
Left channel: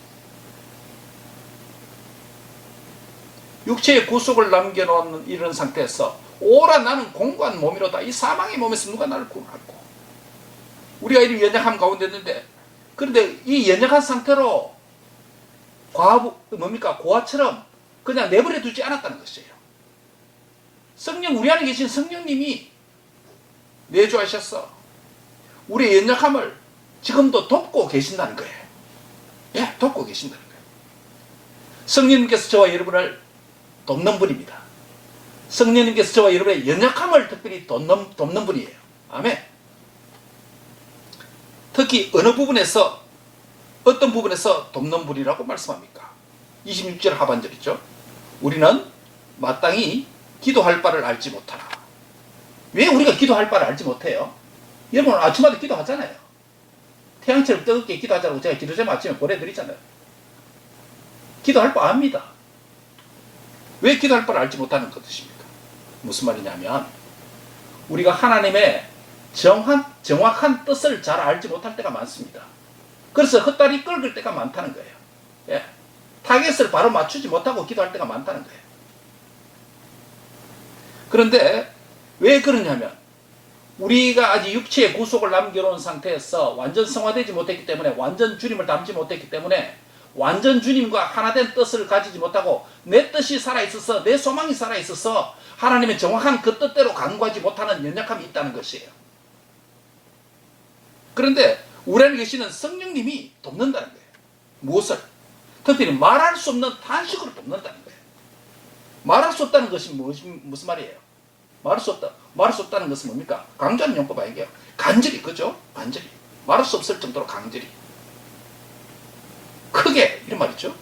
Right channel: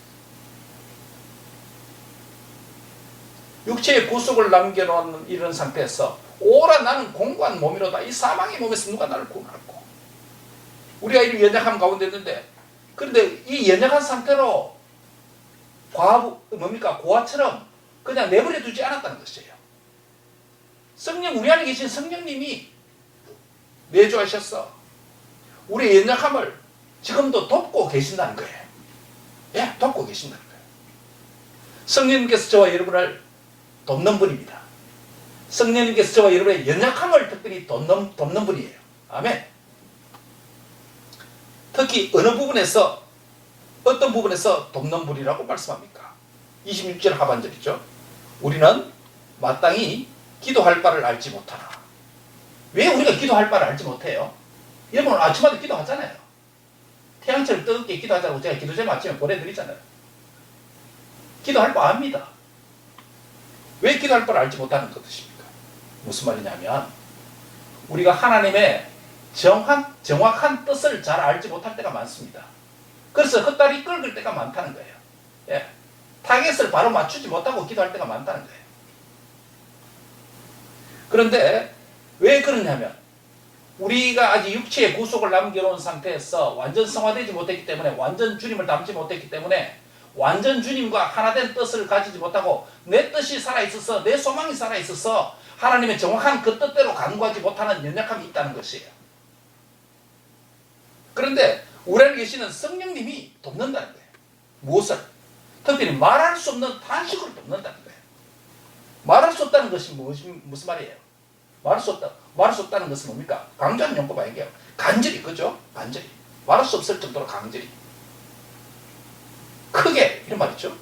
육체의 구속을 남겨놓은 이런 상태에서 오라 나는 공고한 몸이로다. 이 사망의 몸에서 누가 나를 구원할꼬. 우리가 이런 연약함 가운데 있는데, 그런데 이 연약한 상태로 고아처럼 그냥 내버려 두지 않았다는 것이에요. 성령, 우리 안에 계신 성령님이 내주하셨어. 우리의 연약함을 지금도 돕고 계신다는 거예요. 예, 돕고 계신다는 거예요. 성령님께서 저와 여러분을 돕는 분입니다. 성령님께서 저와 여러분의 연약함을 특별히 돕는 분이에요. 아멘. 특히 어느 부분에서, 어떤 부분에서 돕는 분이라고 말씀합니까? 26절 하반절이죠. 우리는 마땅히 기도할 바를 알지 못하나. 왜 우리가 기도할 바를 알지 못해요? 여러분 아침마다 기도하잖아요. 태양처럼 뜨겁게 기도하자고 제가 기도제목 아침에 보내드리잖아요. 기도할 바 압니다. 왜 기도할 바를 알지 못하는 것입니까? 무슨 말이냐면 우리가 하나님의 정확한 뜻을 잘 알지 못할 때가 많습니다. 그래서 헛다리 끓을 때가 많다는 거예요. 예. 타겟을 바로 맞추지 못하고 기도할 때가 많다는 거예요. 그런데 왜 그러냐면 우리가 아직 육체의 구속을 남겨놓은 상태에서 완전 성화되지 못했기 때문에, 완전 주님을 닮지 못했기 때문에 완전 주님과 하나된 뜻을 가지지 못하고 내 뜻이 살아있어서, 내 소망이 살아있어서 하나님의 정확한 그 뜻대로 간구하지 못하는 연약함이 있다는 것이에요. 그런데 우리 안에 계시는 성령님이 돕는다는 거예요. 무엇을? 특별히 말할 수 없는 탄식으로 돕는다는 거예요. 말할 수 없다는 것이 무슨 말이에요? 말할 수 없다는 것은 뭡니까? 강조하는 용법 아니에요. 간절히, 그죠? 간절히. 말할 수 없을 정도로 강절히. 크게, 이런 말이죠.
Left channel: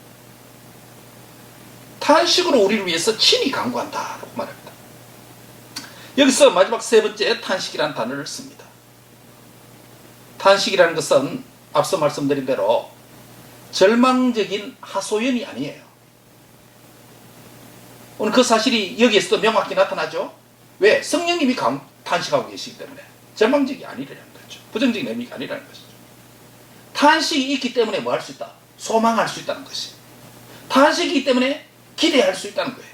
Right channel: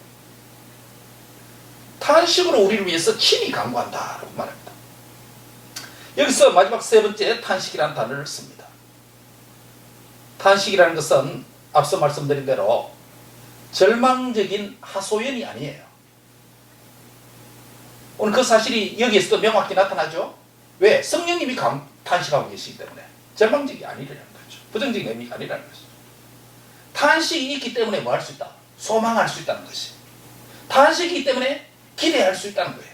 탄식으로 우리를 위해서 친히 간구한다라고 말합니다. 여기서 마지막 세 번째 탄식이라는 단어를 씁니다. 탄식이라는 것은 앞서 말씀드린 대로 절망적인 하소연이 아니에요. 오늘 그 사실이 여기에서도 명확히 나타나죠. 왜? 성령님이 탄식하고 계시기 때문에 절망적이 아니라는 거죠. 부정적인 의미가 아니라는 것이죠. 탄식이 있기 때문에 뭐 할 수 있다? 소망할 수 있다는 것이. 탄식이 있기 때문에 기대할 수 있다는 거예요.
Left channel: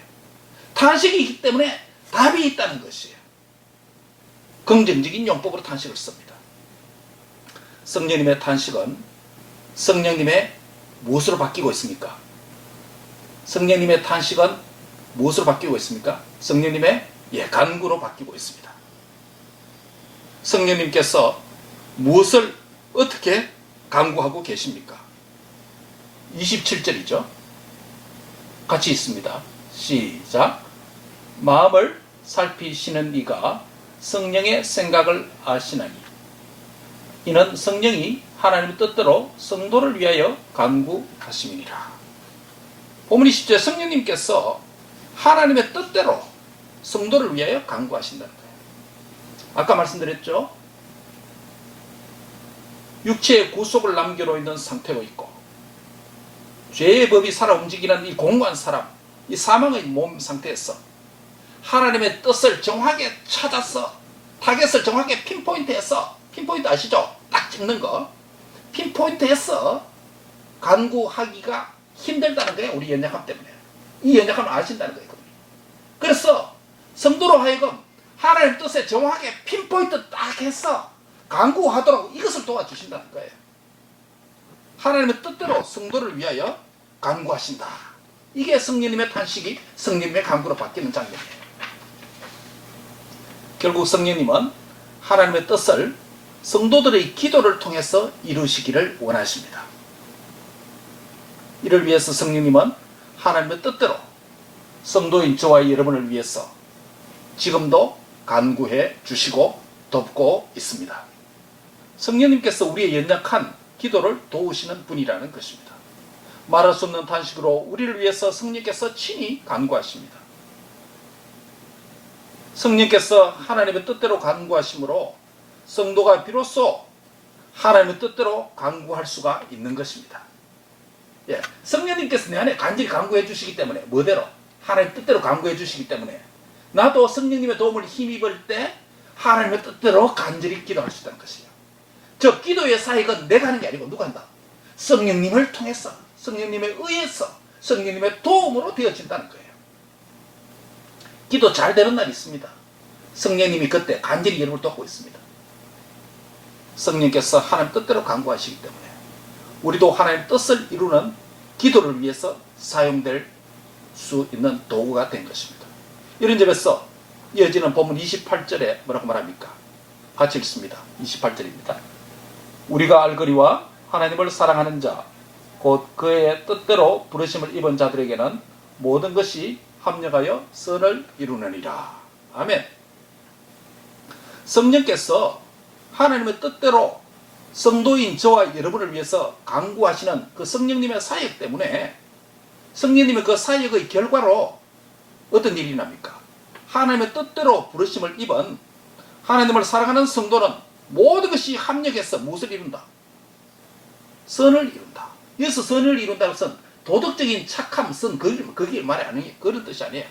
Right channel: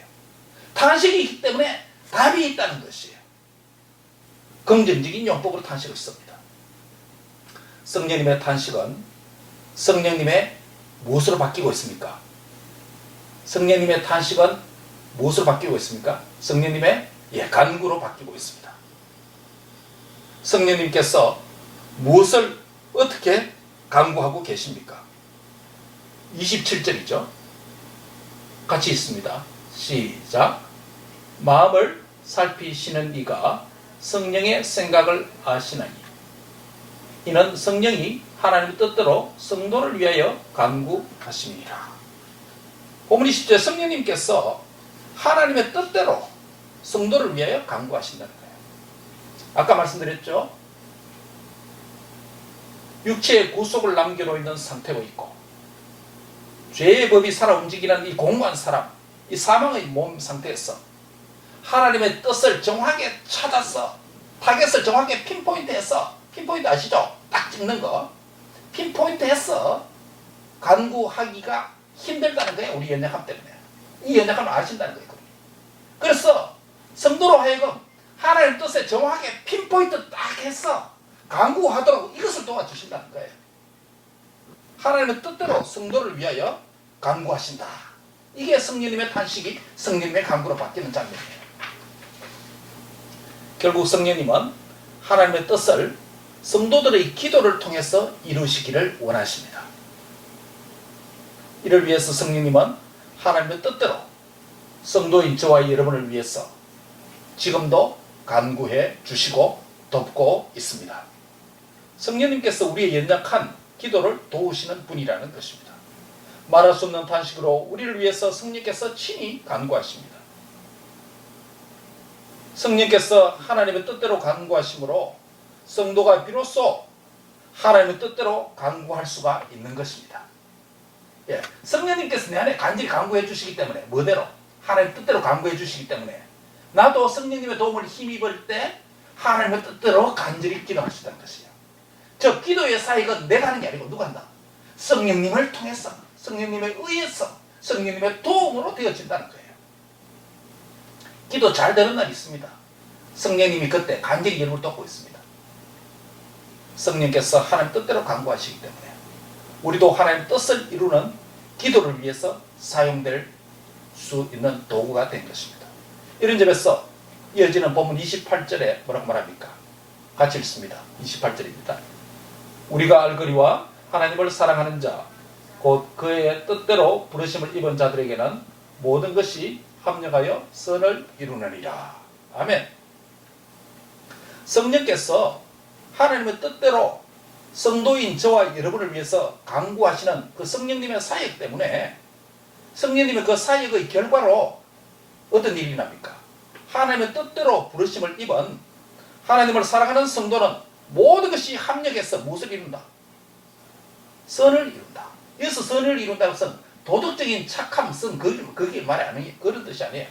탄식이 있기 때문에 답이 있다는 것이에요. 긍정적인 용법으로 탄식을 씁니다. 성령님의 탄식은 성령님의 무엇으로 바뀌고 있습니까? 성령님의 탄식은 무엇으로 바뀌고 있습니까? 성령님의 간구로 바뀌고 있습니다. 성령님께서 무엇을 어떻게 간구하고 계십니까? 27절이죠. 같이 있습니다. 시작. 마음을 살피시는 이가 성령의 생각을 아시나니 이는 성령이 하나님의 뜻대로 성도를 위하여 간구하심이니라. 본문 20절 성령님께서 하나님의 뜻대로 성도를 위하여 간구하신다는 거예요. 아까 말씀드렸죠. 육체의 구속을 남겨놓는 상태고 있고 죄의 법이 살아 움직이는 이 공고한 사람, 이 사망의 몸 상태에서 하나님의 뜻을 정확하게 찾아서 타겟을 정확하게 핀포인트 아시죠? 찍는 거 핀포인트해서 간구하기가 힘들다는 거예요. 우리 연약함 때문에. 이 연약함을 아신다는 거예요. 그래서 성도로 하여금 하나님 뜻에 정확하게 핀포인트 딱 해서 간구하도록 이것을 도와주신다는 거예요. 하나님의 뜻대로 성도를 위하여 간구하신다. 이게 성령님의 탄식이 성령님의 간구로 바뀌는 장면이에요. 결국 성령님은 하나님의 뜻을 성도들의 기도를 통해서 이루시기를 원하십니다. 이를 위해서 성령님은 하나님의 뜻대로 성도인 저와 여러분을 위해서 지금도 간구해 주시고 돕고 있습니다. 성령님께서 우리의 연약한 기도를 도우시는 분이라는 것입니다. 말할 수 없는 탄식으로 우리를 위해서 성령께서 친히 간구하십니다. 성령께서 하나님의 뜻대로 간구하심으로 성도가 비로소 하나님의 뜻대로 간구할 수가 있는 것입니다. 예, 성령님께서 내 안에 간절히 간구해 주시기 때문에 뭐대로? 하나님의 뜻대로 간구해 주시기 때문에 나도 성령님의 도움을 힘입을 때 하나님의 뜻대로 간절히 기도할 수 있다는 것이에요. 저 기도의 사역은 내가 하는 게 아니고 누가 한다? 성령님을 통해서, 성령님에 의해서, 성령님의 도움으로 되어진다는 거예요. 기도 잘 되는 날이 있습니다. 성령님이 그때 간절히 여러분을 돕고 있습니다. 성령께서 하나님 뜻대로 간구하시기 때문에 우리도 하나님의 뜻을 이루는 기도를 위해서 사용될 수 있는 도구가 된 것입니다. 이런 점에서 이어지는 본문 28절에 뭐라고 말합니까? 같이 읽습니다. 28절입니다. 우리가 알거니와 하나님을 사랑하는 자 곧 그의 뜻대로 부르심을 입은 자들에게는 모든 것이 합력하여 선을 이루느니라. 아멘. 성령께서 하나님의 뜻대로 성도인 저와 여러분을 위해서 간구하시는 그 성령님의 사역 때문에 성령님의 그 사역의 결과로 어떤 일이 납니까? 하나님의 뜻대로 부르심을 입은 하나님을 사랑하는 성도는 모든 것이 합력해서 무엇을 이룬다? 선을 이룬다. 여기서 선을 이룬다는 것은 도덕적인 착함, 선, 그게 말이 아니에요. 그런 뜻이 아니에요.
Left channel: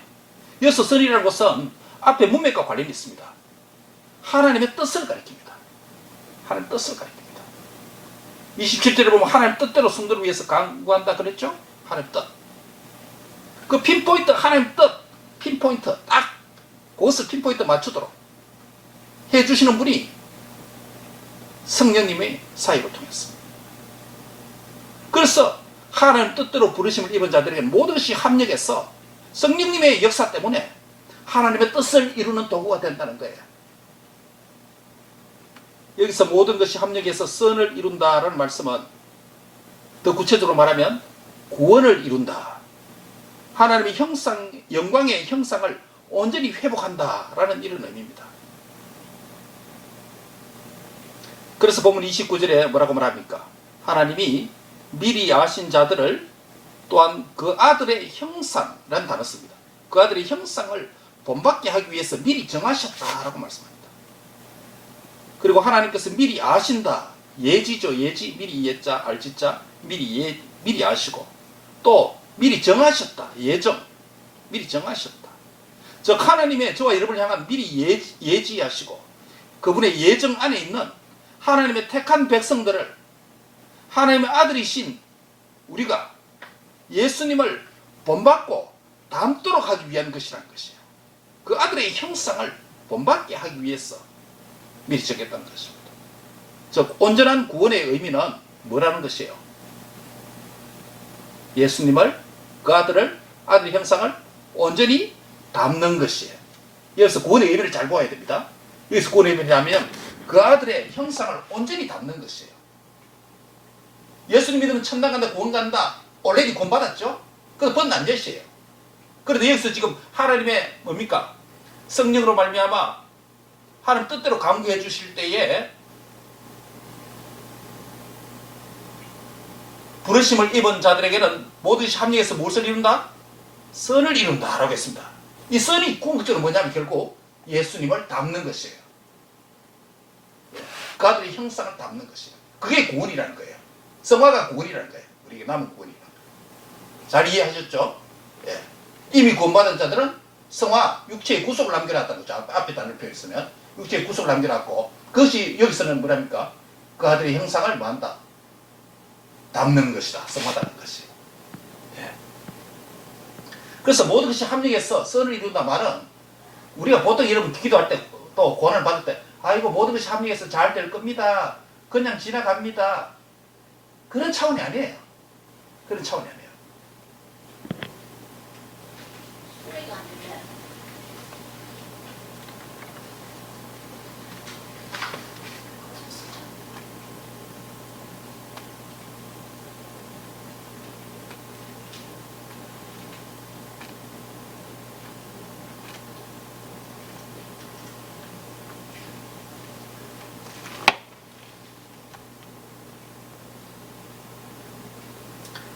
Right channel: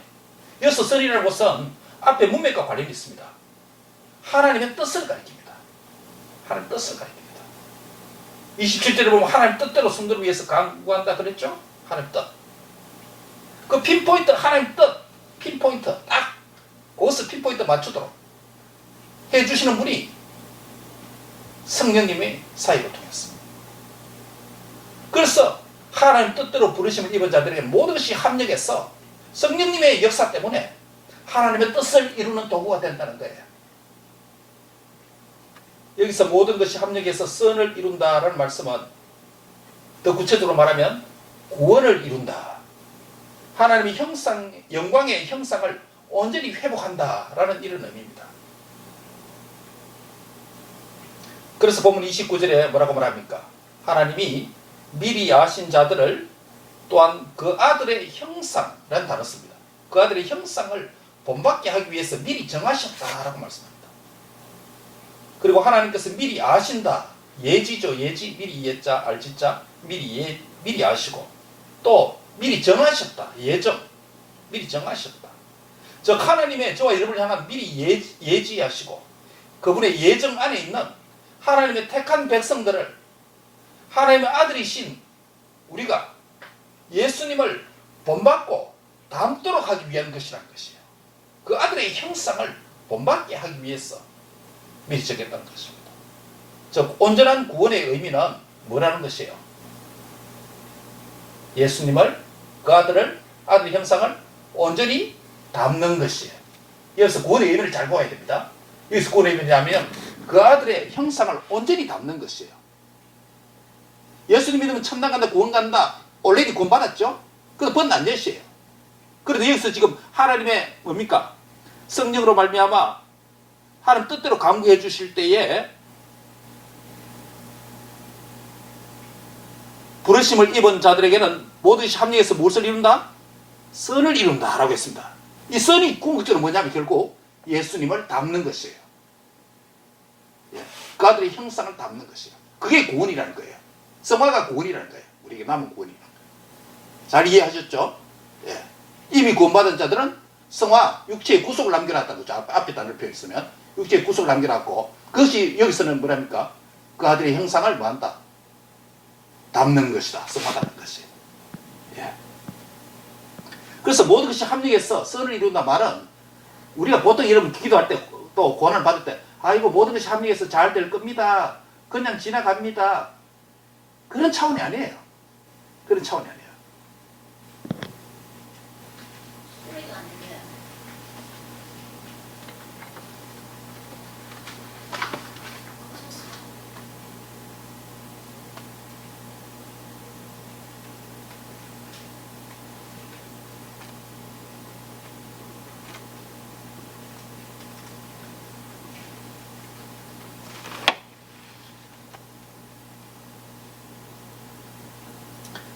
여기서 선이라는 것은 앞에 문맥과 관련이 있습니다. 하나님의 뜻을 가리킵니다. 하나님의 뜻을 가리킵니다. 27절에 보면 하나님 뜻대로 성도를 위해서 간구한다 그랬죠? 하나님 뜻. 그 핀포인트, 하나님 뜻, 핀포인트, 딱 그것을 핀포인트 맞추도록 해주시는 분이 성령님의 사역을 통해서. 그래서 하나님 뜻대로 부르심을 입은 자들에게 모든 것이 합력해서 성령님의 역사 때문에 하나님의 뜻을 이루는 도구가 된다는 거예요. 여기서 모든 것이 합력해서 선을 이룬다라는 말씀은 더 구체적으로 말하면 구원을 이룬다. 하나님의 형상, 영광의 형상을 온전히 회복한다라는 이런 의미입니다. 그래서 본문 29절에 뭐라고 말합니까? 하나님이 미리 아신 자들을 또한 그 아들의 형상이라는 단어 씁니다. 그 아들의 형상을 본받게 하기 위해서 미리 정하셨다라고 말씀합니다. 그리고 하나님께서 미리 아신다. 예지죠. 예지. 미리 예자, 알지자. 미리 아시고 또 미리 정하셨다. 예정. 미리 정하셨다. 즉 하나님의 저와 여러분을 향한 미리 예지하시고 그분의 예정 안에 있는 하나님의 택한 백성들을 하나님의 아들이신 우리가 예수님을 본받고 닮도록 하기 위한 것이라는 것이에요. 그 아들의 형상을 본받게 하기 위해서 미리 정했다는 것입니다. 즉 온전한 구원의 의미는 뭐라는 것이에요? 예수님을, 그 아들의 형상을 온전히 닮는 것이에요. 여기서 구원의 의미를 잘 보아야 됩니다. 여기서 구원의 의미냐면 그 아들의 형상을 온전히 닮는 것이에요. 예수님 믿으면 천당 간다, 구원 간다. 올레디 구원 받았죠? 그래서 번난 예시예요. 그런데 여기서 지금 하나님의 뭡니까? 성령으로 말미암아 하나님 뜻대로 간구해 주실 때에 부르심을 입은 자들에게는 모든 것이 합력해서 무엇을 이룬다? 선을 이룬다 라고 했습니다. 이 선이 궁극적으로 뭐냐면 결국 예수님을 닮는 것이에요. 그 아들의 형상을 닮는 것이에요. 그게 구원이라는 거예요. 성화가 구원이라는 거예요. 우리에게 남은 구원이라는 거예요. 잘 이해하셨죠? 예. 이미 구원받은 자들은 성화, 육체의 구속을 남겨놨다는 거죠. 앞에 단어를 표현했으면 육체의 구속을 남겨놨고 그것이 여기서는 뭐랍니까? 그 아들의 형상을 뭐한다? 담는 것이다. 성화다는 것이. 예. 그래서 모든 것이 합력해서 선을 이룬다 말은 우리가 보통 이런 기도할 때 또 고난을 받을 때 아이고 모든 것이 합력해서 잘 될 겁니다. 그냥 지나갑니다. 그런 차원이 아니에요. 그런 차원이 아니에요.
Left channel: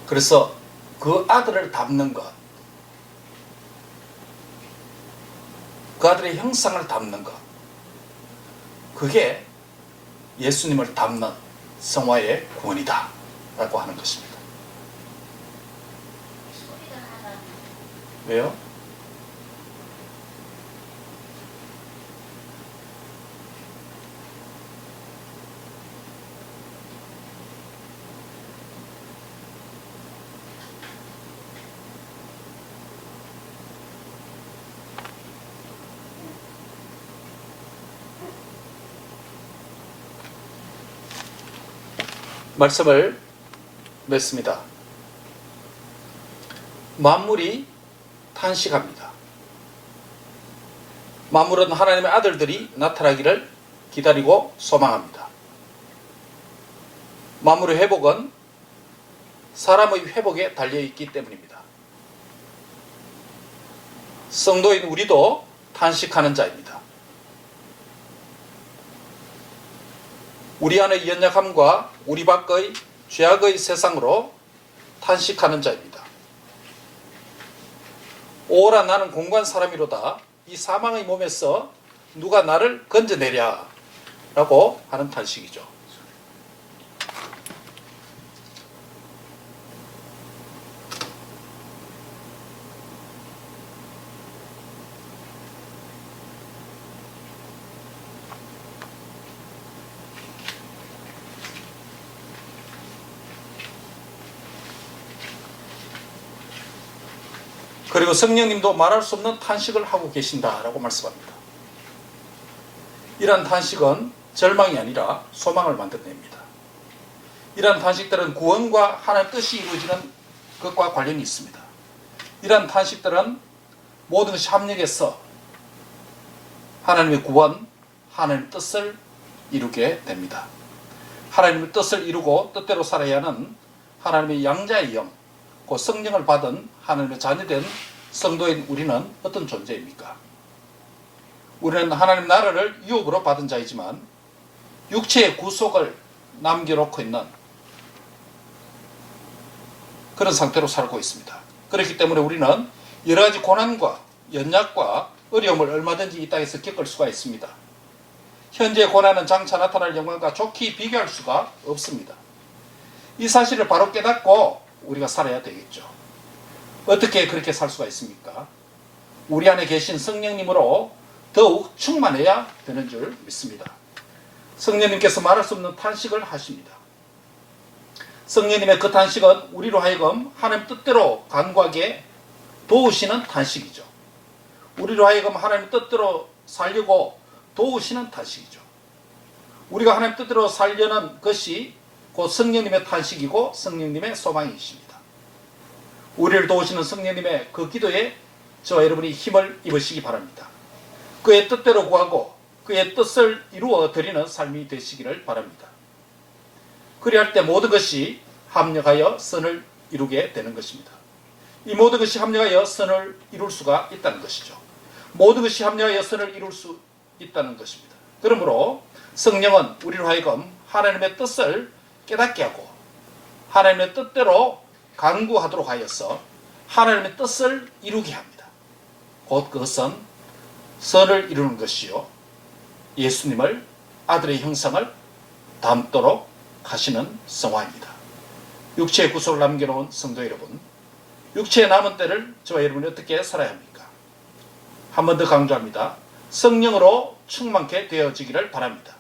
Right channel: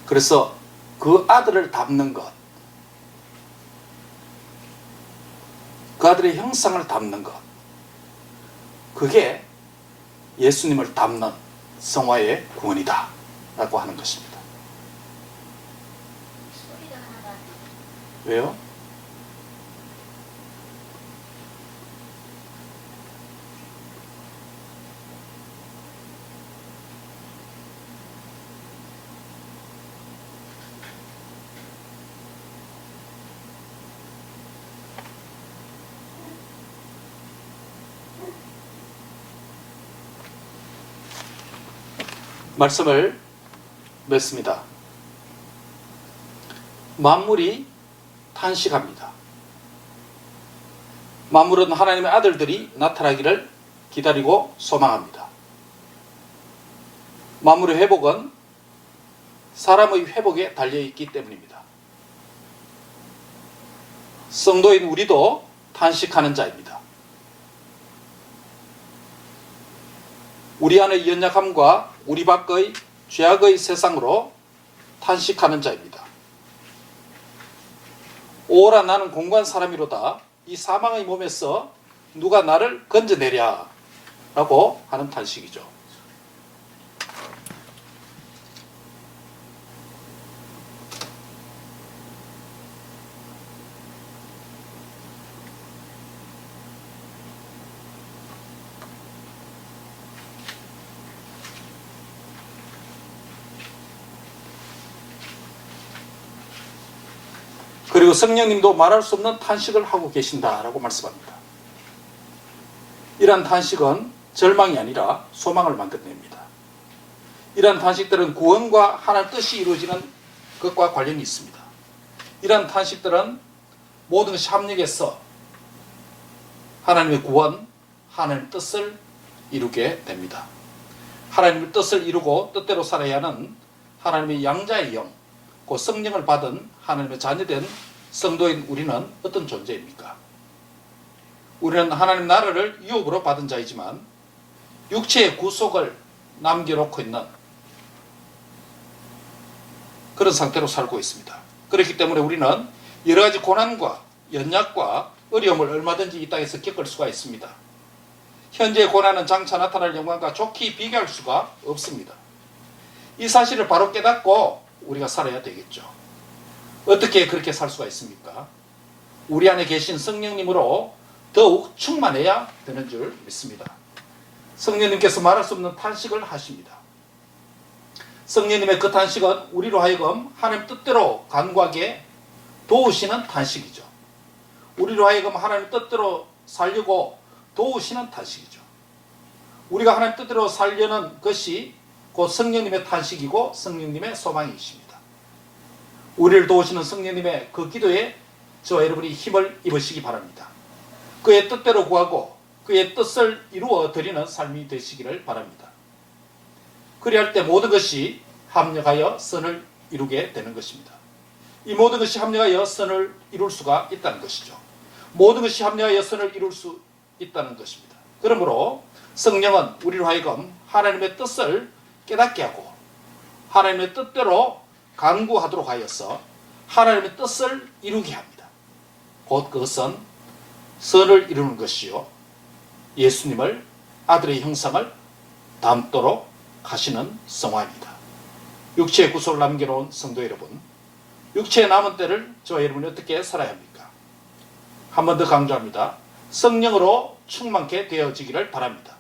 그래서 그 아들을 담는 것, 그 아들의 형상을 담는 것, 그게 예수님을 담는 성화의 구원이다 라고 하는 것입니다. 왜요? 말씀을 맺습니다. 만물이 탄식합니다. 만물은 하나님의 아들들이 나타나기를 기다리고 소망합니다. 만물의 회복은 사람의 회복에 달려있기 때문입니다. 성도인 우리도 탄식하는 자입니다. 우리 안의 연약함과 우리 밖의 죄악의 세상으로 탄식하는 자입니다. 오라 나는 공고한 사람이로다. 이 사망의 몸에서 누가 나를 건져내랴 라고 하는 탄식이죠. 그리고 성령님도 말할 수 없는 탄식을 하고 계신다라고 말씀합니다. 이러한 탄식은 절망이 아니라 소망을 만들어냅니다. 이러한 탄식들은 구원과 하나님의 뜻이 이루어지는 것과 관련이 있습니다. 이러한 탄식들은 모든 것이 합력해서 하나님의 구원, 하나님의 뜻을 이루게 됩니다. 하나님의 뜻을 이루고 뜻대로 살아야 하는 하나님의 양자의 영, 그 성령을 받은 하나님의 자녀된 성도인 우리는 어떤 존재입니까? 우리는 하나님 나라를 유업으로 받은 자이지만 육체의 구속을 남겨놓고 있는 그런 상태로 살고 있습니다. 그렇기 때문에 우리는 여러 가지 고난과 연약과 어려움을 얼마든지 이 땅에서 겪을 수가 있습니다. 현재의 고난은 장차 나타날 영광과 좋게 비교할 수가 없습니다. 이 사실을 바로 깨닫고 우리가 살아야 되겠죠. 어떻게 그렇게 살 수가 있습니까? 우리 안에 계신 성령님으로 더욱 충만해야 되는 줄 믿습니다. 성령님께서 말할 수 없는 탄식을 하십니다. 성령님의 그 탄식은 우리로 하여금 하나님 뜻대로 간구하게 도우시는 탄식이죠. 우리로 하여금 하나님 뜻대로 살려고 도우시는 탄식이죠. 우리가 하나님 뜻대로 살려는 것이 곧 성령님의 탄식이고 성령님의 소망이십니다. 우리를 도우시는 성령님의 그 기도에 저와 여러분이 힘을 입으시기 바랍니다. 그의 뜻대로 구하고 그의 뜻을 이루어 드리는 삶이 되시기를 바랍니다. 그리할 때 모든 것이 합력하여 선을 이루게 되는 것입니다. 이 모든 것이 합력하여 선을 이룰 수가 있다는 것이죠. 모든 것이 합력하여 선을 이룰 수 있다는 것입니다. 그러므로 성령은 우리로 하여금 하나님의 뜻을 깨닫게 하고 하나님의 뜻대로 간구하도록 하여서 하나님의 뜻을 이루게 합니다. 곧 그것은 선을 이루는 것이요 예수님을 아들의 형상을 담도록 하시는 성화입니다. 육체의 구속을 남겨놓은 성도 여러분, 육체의 남은 때를 저와 여러분이 어떻게 살아야 합니까? 한 번 더 강조합니다. 성령으로 충만케 되어지기를 바랍니다.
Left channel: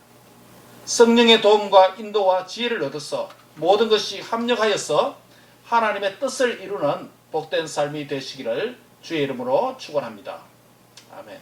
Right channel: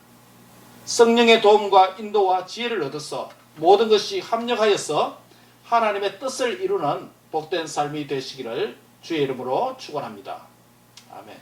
성령의 도움과 인도와 지혜를 얻어서 모든 것이 합력하여서 하나님의 뜻을 이루는 복된 삶이 되시기를 주의 이름으로 축원합니다. 아멘.